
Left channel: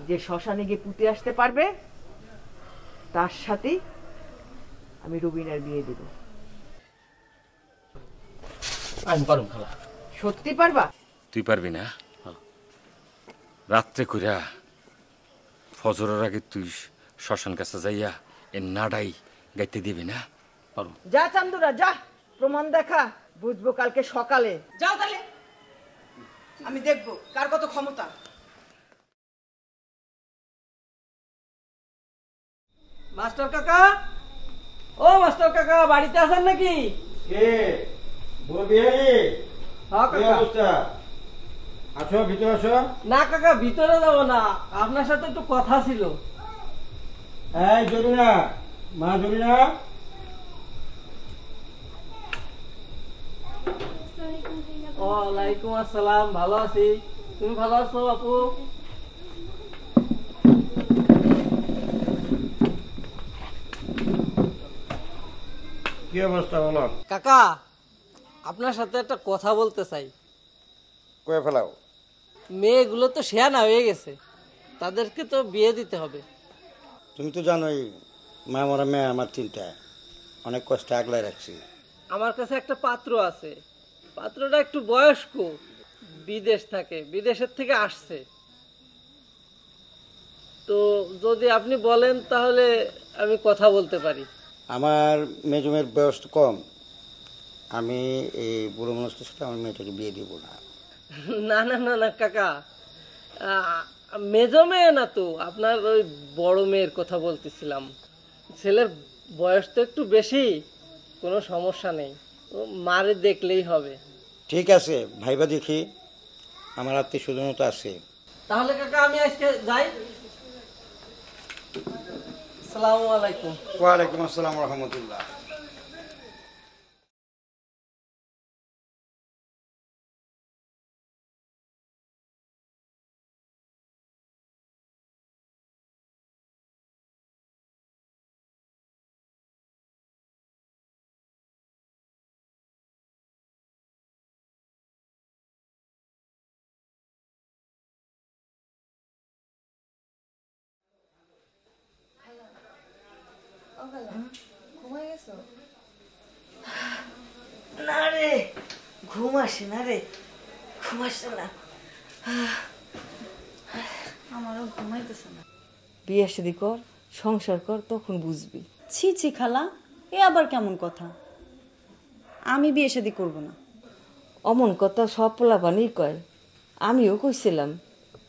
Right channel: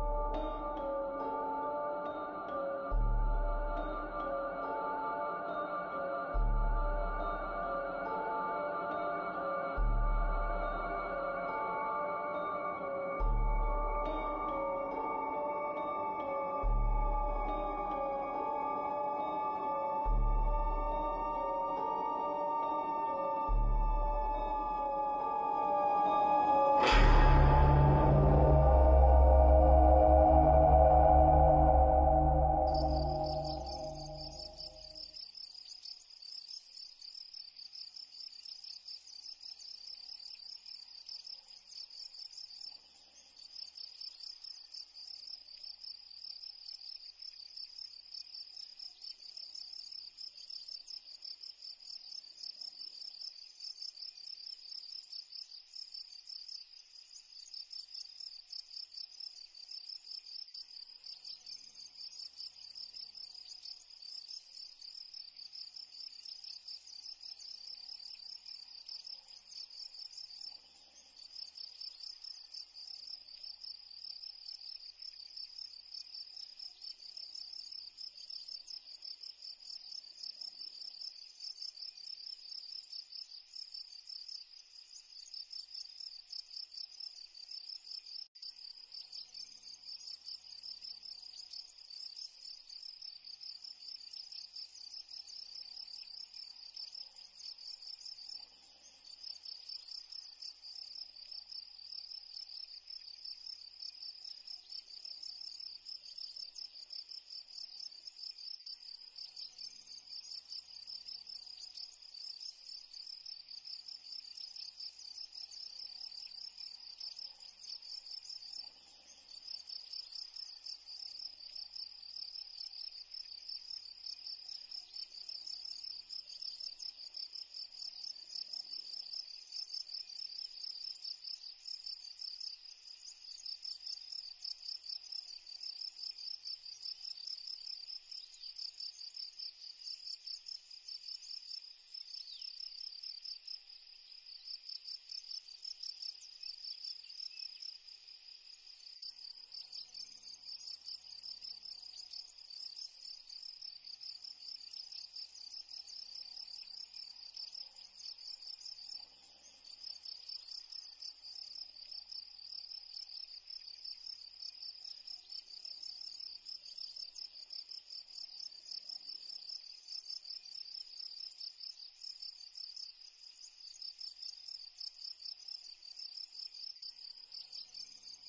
যে শ্মশানে গিয়ে পুঁতে আসতে পারবে, তার সাথেই আমি রুবিনার বিয়ে দেব। আমি পারবো খালা। সত্যি পারবা? তুই পারবি না? রাত্রে কইরা ফজরের আগে তুই শ্মশান কাছে যাইয়া এই নাড়াই গাইতে দিবি না? যা চান্দুরা যা, প্রমাণ দেখা, বুঝবো কালকে সকালে। যাও তাহলে, আমি দেখবো কার কত ক্ষমতা। মাস্টার কাকা, ও মাস্টার কাকা, বাড়িতে আছেন নাকি? কে বলবি? হ্যাঁ কাকা। আসো, ভিতরে আসো। না কাকা, ভিতরে যাবো না, আপনার সাথে একটু কথা ছিল। এই জরিনা, মা জরিনা। ওয়ালাইকুম আসসালাম, ভালো আছি। তুমি ভালো আছো আপু? কি অবস্থা বলো? কাকা, আপনার সাথে একটা কথা বলতে চাই। কয়ে ফেলাও। মেয়েগুলো তো শেয়ানা হয়ে গেছে, তাদেরকে তো বিয়ে দিতে হবে। তুমি তো জানোই মা মরা মেয়ে আমার চিন্তা, অনেক কষ্ট আগলায় রাখছি। আমার কাছে একটা পাত্র আছে, পাত্রটা একটু বয়স্ক, বিদেশ থাকে, বিদেশের থেকে আসছে। তো যদি আপনি বলেন তাহলে আমি কথা বলতে পারি। আমার মেজমের বয়স তো কম, আমি এই বুড়ো মানুষটার সাথে আমার মেয়েটাকে বিয়ে দিব না। না না না না কাকা, মেজো মেয়ে না তো, আপনার ওই বড় মেয়ের কথা বলতেছিলাম। ছেলের বয়স তো একটু বেশি, কোনো সমস্যা নেই, ও মারে দেখলেই হবে। ঠিক আছে ভাইবা, দেখি আমার আত্মীয় স্বজন তো আছে। তাহলে কাকা আমি আজকে যাই। আসসালামু আলাইকুম। ওয়ালাইকুম আসসালাম রহমতুল্লাহ। না রে, ঘুম আসে না রে, ঘুম আসে না। আমারও ঘুমাইতেছে না। বিয়ে শাদী কর, সংসার কর, তখন বুঝবি। ছি ছি খালা, এ আবার কেমন কথা? আমি বিয়ে শাদী করবো না। অমন কথা সব পোলাপানই কয়, আমিও কইছিলাম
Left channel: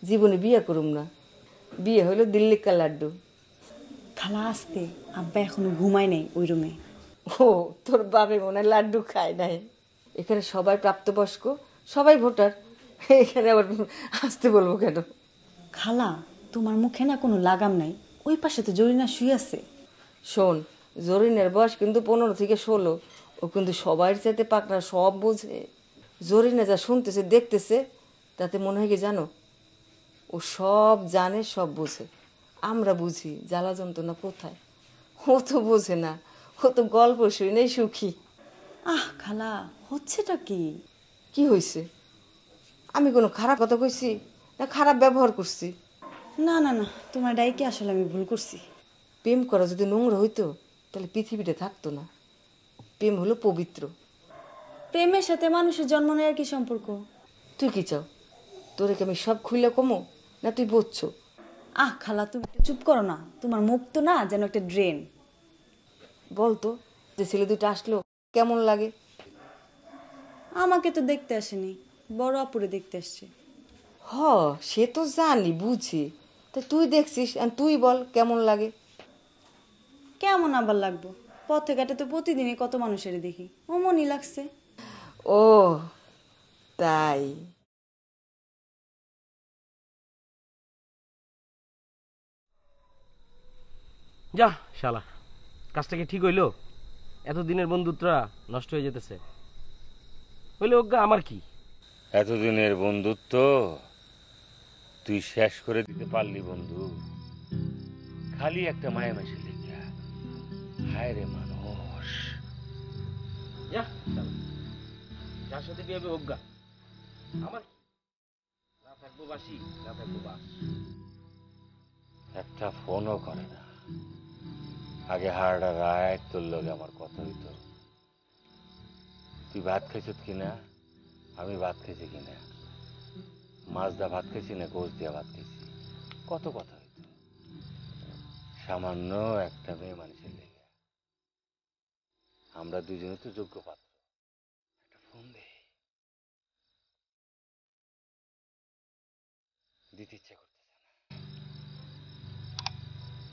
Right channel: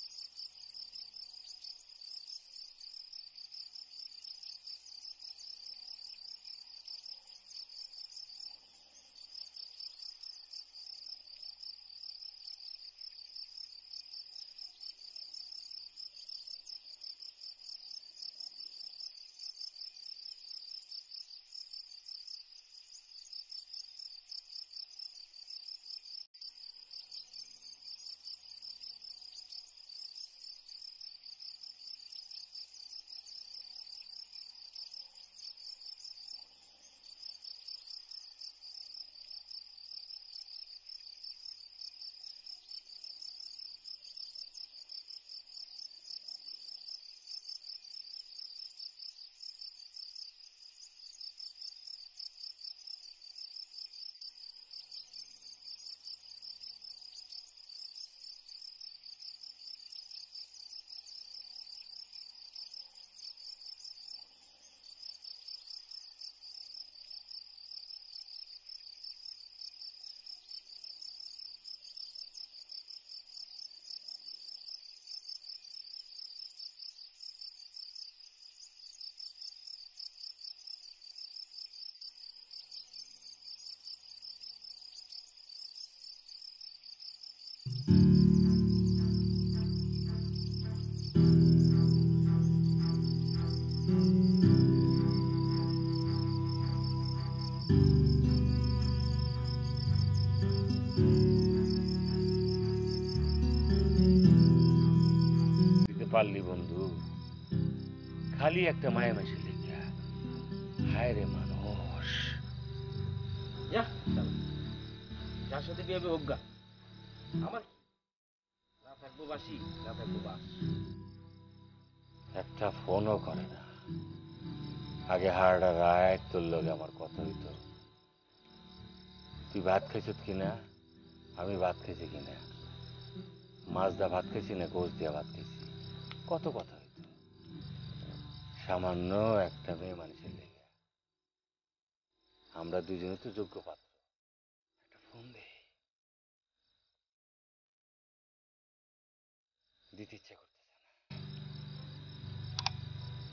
জীবনে বিয়ে করুম না। বিয়ে হলো দিল্লি কা লাড্ডু। খালা আসতে, আব্বা এখনো ঘুমায় নাই ওই রুমে। ও, তোর বাবে মনে হয় লাড্ডু খায় নাই। এখানে সবাই প্রাপ্তবয়স্ক, সবাই ভোটার, এখানে আবার আসতে বলবো কেন? খালা, তোমার মুখে না কোনো লাগাম নাই, ওই পাশে তো জরিনা শুয়ে আছে। শোন, জরিনের বয়স কিন্তু 15 থেকে 16, ও কিন্তু সবাই চাইতে পাকনা, সব বোঝে। জরিনা যা শুনতেছে দেখতেছে, তাতে মনে হয় কি জানো, ও সব জানে, সব বোঝে। আমরা বুঝি জ্বালা যন্ত্রণা কোথায়, ও তো বোঝে না, ও তো গল্প শুনেই সুখী। আহ খালা, হচ্ছেটা কি? কি হয়েছে? আমি কোনো খারাপ কথা কইছি না খারাপ ব্যবহার করছি? না না না, তোমার ডাইকে আসলে আমি ভুল করছি। প্রেম করা যদি নোংরা হইতো তাহলে পৃথিবীতে থাকতো না। প্রেম হলো পবিত্র। প্রেমের সাথে মানুষের জন্ম নেওয়ার কি সম্পর্ক? তুই কি চাও, তোরে কি আমি সব খুইলা কমো, না তুই বুঝছো? আহ খালা, তুমি চুপ করো না, তোমার মুখ তো না যেন একটা ড্রেন। বলতো যে ছেলে দুটো আসলো কেমন লাগে? আমাকে তো দেখতে আসেনি, বড় আপুরে দেখতে আসছে। হ, সে তো জানি, বুঝি, তা তুই দেখছিস আর তুই বল কেমন লাগে? কেমন আবার লাগবো, পথে ঘাটে তো প্রতিদিনই কত মানুষের দেখি, অমনই লাগছে। ও তাই। যা শালা, কাজটা কি ঠিক হইলো? এতদিনের বন্ধুত্বটা নষ্ট হয়ে যেতেছে। হইলে অজ্ঞা আমার কি? এতদিনের বন্ধুত্ব তুই শেষ করে দিতে পারলি বন্ধু, খালি একটা মায়া মেশে লেগে। হায় রে মানুষ। যা শালা, যার সাথে বিয়ে হবে অজ্ঞা, আমার কি? না থাকবো বাসি, না থাকবো বাস। একটা ফোনও করে না। আগে হাড়টা রায় তোর লগে আমার কথা হইতো, তুই ভাত খাইছত কিনা, আমি ভাত খাইছি কিনা, মাছ দা ভাত খাইছি না গোস দিয়া ভাত খাইছি, কত কথা হইতো। সামান্য একটা মেয়ে মানুষের লেগে আমরা দুজনে তো যোগ্য পাত্র। একটা ফোন দে, দিতে ইচ্ছা করতেছে না।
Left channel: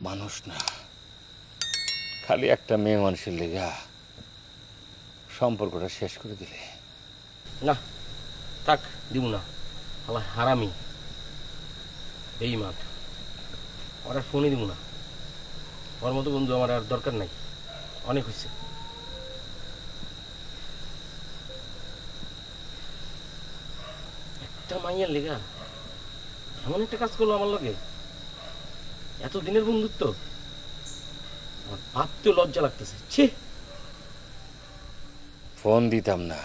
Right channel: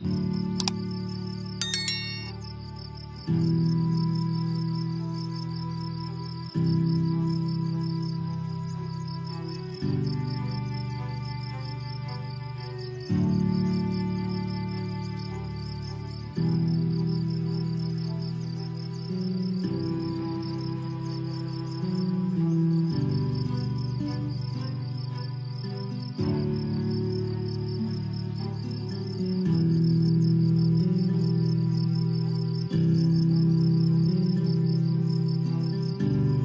মানুষ না, খালি একটা মেয়ে মানুষের লেগা সম্পর্কটা শেষ করে দিলে। না থাক, দিব না। আমার হারামি এই মাত ওরা শুনে দিব না। ওর মতো বন্ধু আমার আর দরকার নাই, অনেক হয়েছে। একটা মাইয়ার লেগা এমন একটা কাজ করলো আমার লগে, এতদিনের বন্ধুত্ব ভাবতে লজ্জা লাগতেছে। ছি, ফোন দিতাম না,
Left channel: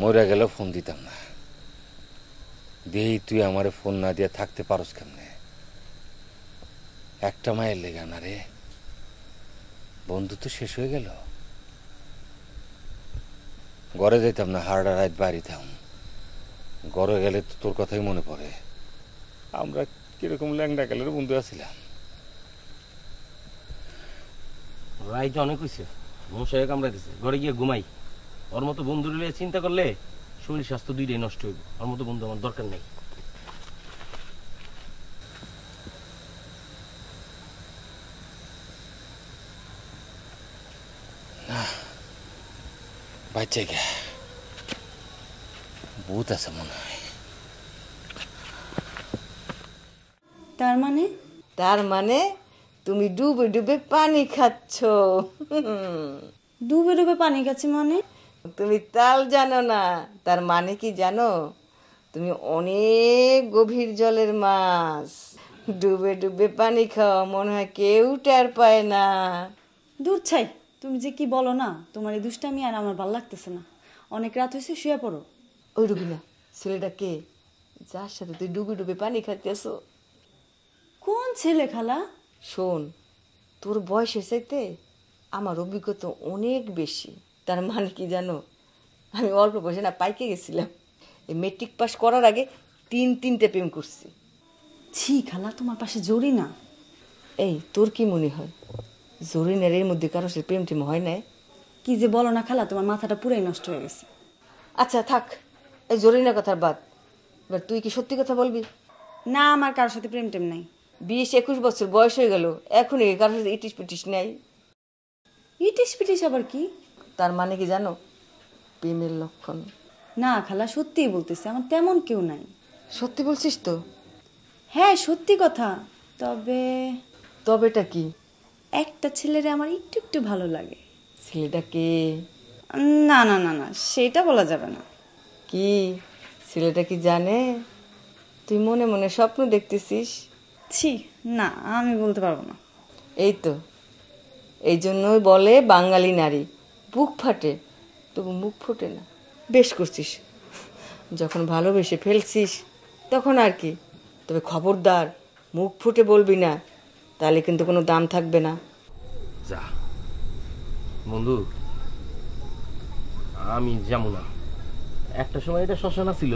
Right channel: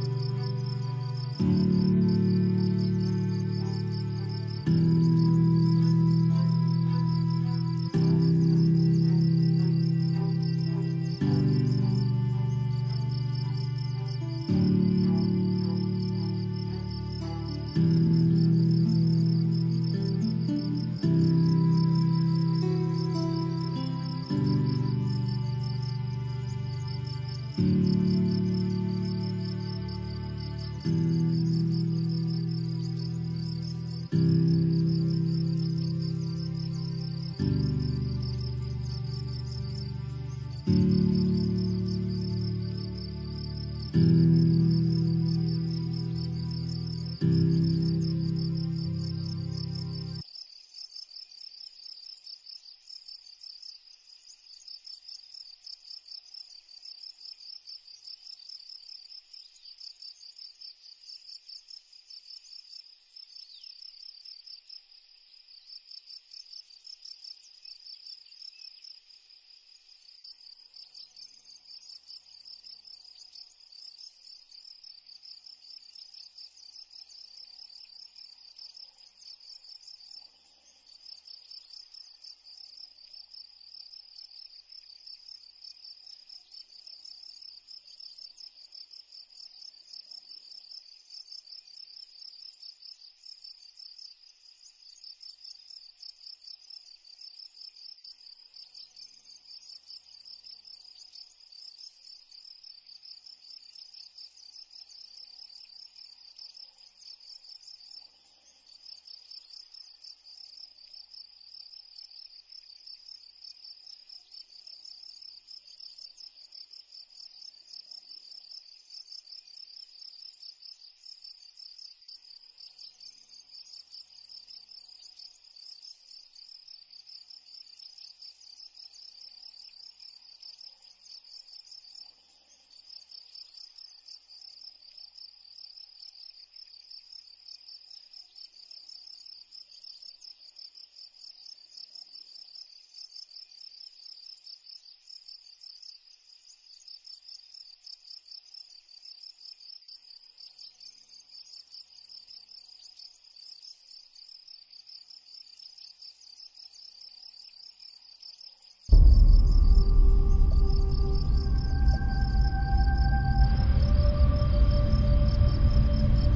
মরে গেল ফোন দিতাম না। দিয়েই তুই আমারে ফোন না দিয়ে থাকতে পারস কেমনে? একটা মায়ের লেগা না রে, বন্ধুত্ব শেষ হয়ে গেল। ঘরে যেতাম না, হারডা রাত বাড়িতাম। ঘরে গেলে তো তোর কথাই মনে পড়ে। আমরা কিরকম ল্যাংডা গেলের বন্ধু আছিলাম। রাইতে অনেক হয়েছে, মশাই কামড়া দিচ্ছে। ঘরে গিয়ে ঘুমাই। ওর মতো বন্ধু চিন্তা করলে শরীর স্বাস্থ্য দুইটাই নষ্ট হইবে। ওর মতো বন্ধু আমার দরকার নেই। বাচ্চা গে ভূত আছে মনে হয়। তার মানে তুমি ডুবে ডুবে পানি খাচ্ছ। ডুবে ডুবে পানি খাচ্ছি মানে? তুমি তাল জানো না, তার মানে কি জানো? তুমি অনেক গভীর জলের মাছ, ডুবে ডুবে পানি খাও, মনে হয় কেউ টের পায় না। দূর ছাই, তুমি যে কি বলো না, তোমার এই দুষ্টামি আর আমার ভালো লাগতেছে না। অনেক রাত হয়েছে, শুয়ে পড়ো। ওই রুবিনা, ছেলেটা কে যার সাথে তুই ডুবে ডুবে পানি খাচ্ছিস? কোন ছেলে খালা? শোন, তোর বয়সের চাইতে আমার অভিজ্ঞতা অনেক বেশি। তার মানে কি জানো, আমি অল্প বয়সে না পাইকে গেছিলাম। এই মেট্রিক পাস করার আগে তিনটে প্রেম করছি। ছি খালা, তোমার পাশে জড়ি না। এই তোর কি মনে হয় জরিনের এর মধ্যে কারো সে প্রেম টেম হয় না? কি যে বলো না খালা, তোমার মাথাটা পুরাই নষ্ট হয়ে গেছে। আচ্ছা থাক, এই জরিনের কথার বাদ। এবার তুই কি সত্যি কথা বলবি? না, আমার কারোর সাথে প্রেম টেম নাই। 20-21 বছর বয়স হয়ে গেল, এখনই কারোর সাথে ইটিস পিটিস নাই? ইটিস পিটিস আবার কি? তার মানে কি জানো, প্রেমের লক্ষণ। না খালা, সত্যিই বলতেছি, আমার তেমন কেউ নাই। সত্যি বলছিস তো? হ্যাঁ সত্যি কথা। তবেটা কি? একটা ছেলেরে আমার একটু একটু ভালো লাগে। ছেলেটা কে? না না না না, সেটা বলা যাবে না। কি ছেলেটা কি জানে তুই মনে মনে স্বপ্ন দেখতেছিস? ছি না, আমি বলতে পারবো না। এই তো, এই জন্যই বলে বাঙালি নারী বুক ফাটে তবু মুখ ফোটে না। বেশ করছিস, যখন ভালোবেসে ফেলছিস তখন আর কি। তবে খবরদার মুখ ফুটে বলবি না, তাহলে কিন্তু কোনো দাম থাকবে না। যা বন্ধু, আমি যাবো না। একটা সময় এটা শ্মশানা ছিল,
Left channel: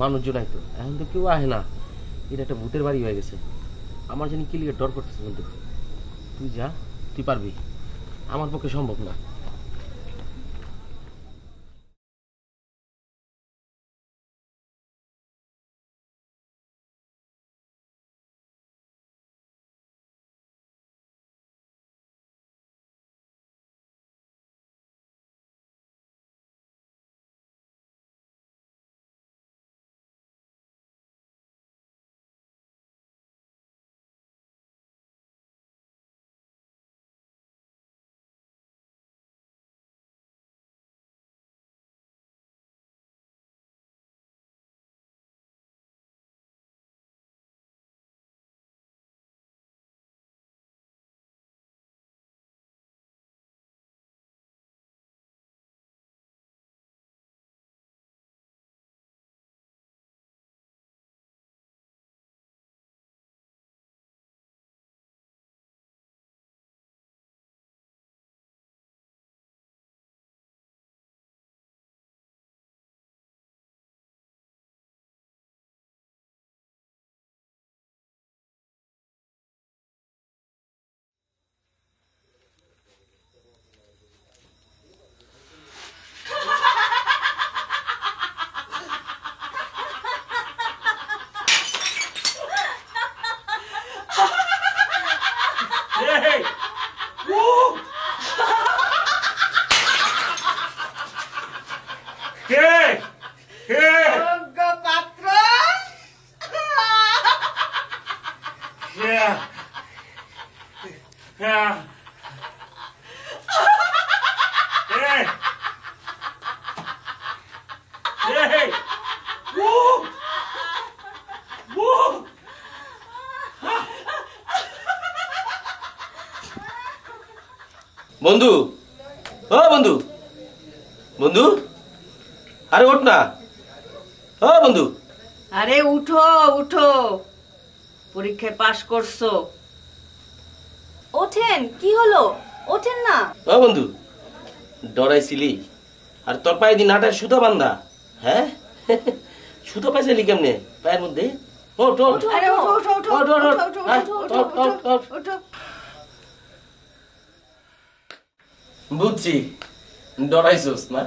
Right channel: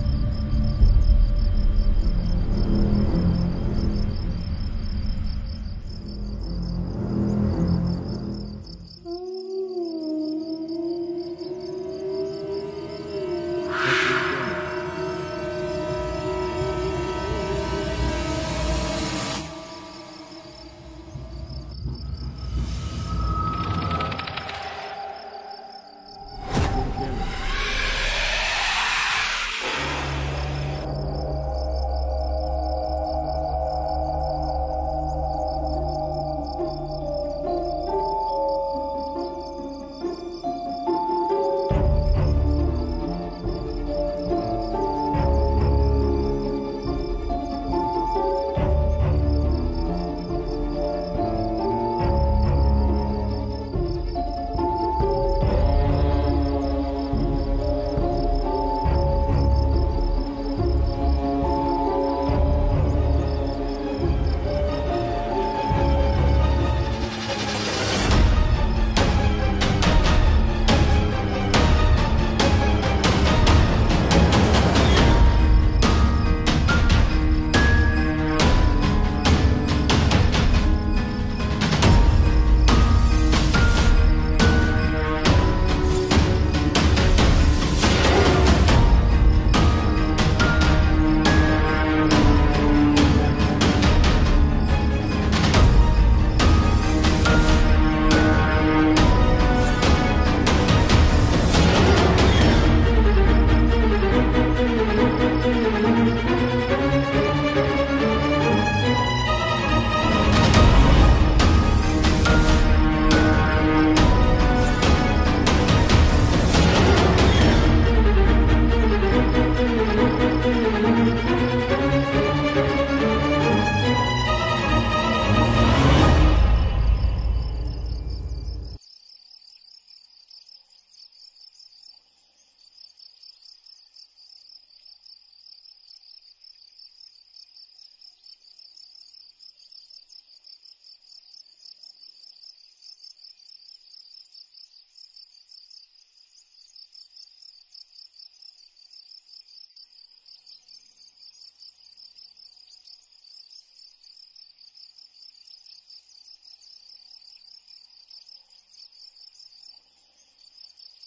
মানুষজন আসবে, এখন তো কেউ আসে না। এটা একটা ভূতের বাড়ি হয়ে গেছে। আমার জন্য কি লিগে ডর করতেছে বন্ধু? তুই যা, তুই পারবি, আমার পক্ষে সম্ভব না। বন্ধু, ও বন্ধু, বন্ধু, আরে ওঠ না, ও বন্ধু। আরে উঠো উঠো, পরীক্ষায় পাশ করছো। ওঠেন, কি হলো? ওঠেন না। ও বন্ধু, ডরাইছিলি আর তোর পায়ে দিন হাঁটায় সুতো বান্ধা, হ্যাঁ? সুতো পাইছিলি কেমনে পায়ের মধ্যে? ওঠ ওঠ, আরে ওঠো ওঠো ওঠো ওঠ, ওঠ, ওঠ, ওঠো আয়, ওঠো ওঠ, ওঠ, ওঠ। ওঠো। বুঝছি, ডরাইছোস না?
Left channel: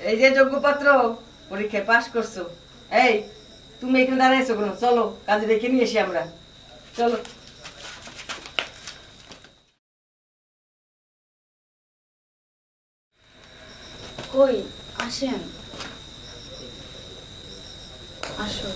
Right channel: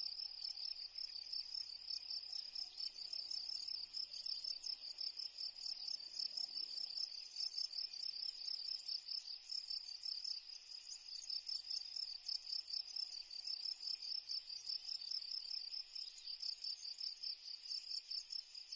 এই যে যোগ্যপত্র, পরীক্ষায় পাশ করছো। এই তুমি এখানে দাঁড়াইছো কেন? চলো কাজে রেখে নিয়ে এসি আমরা, চলো। কই আসেন, আসো।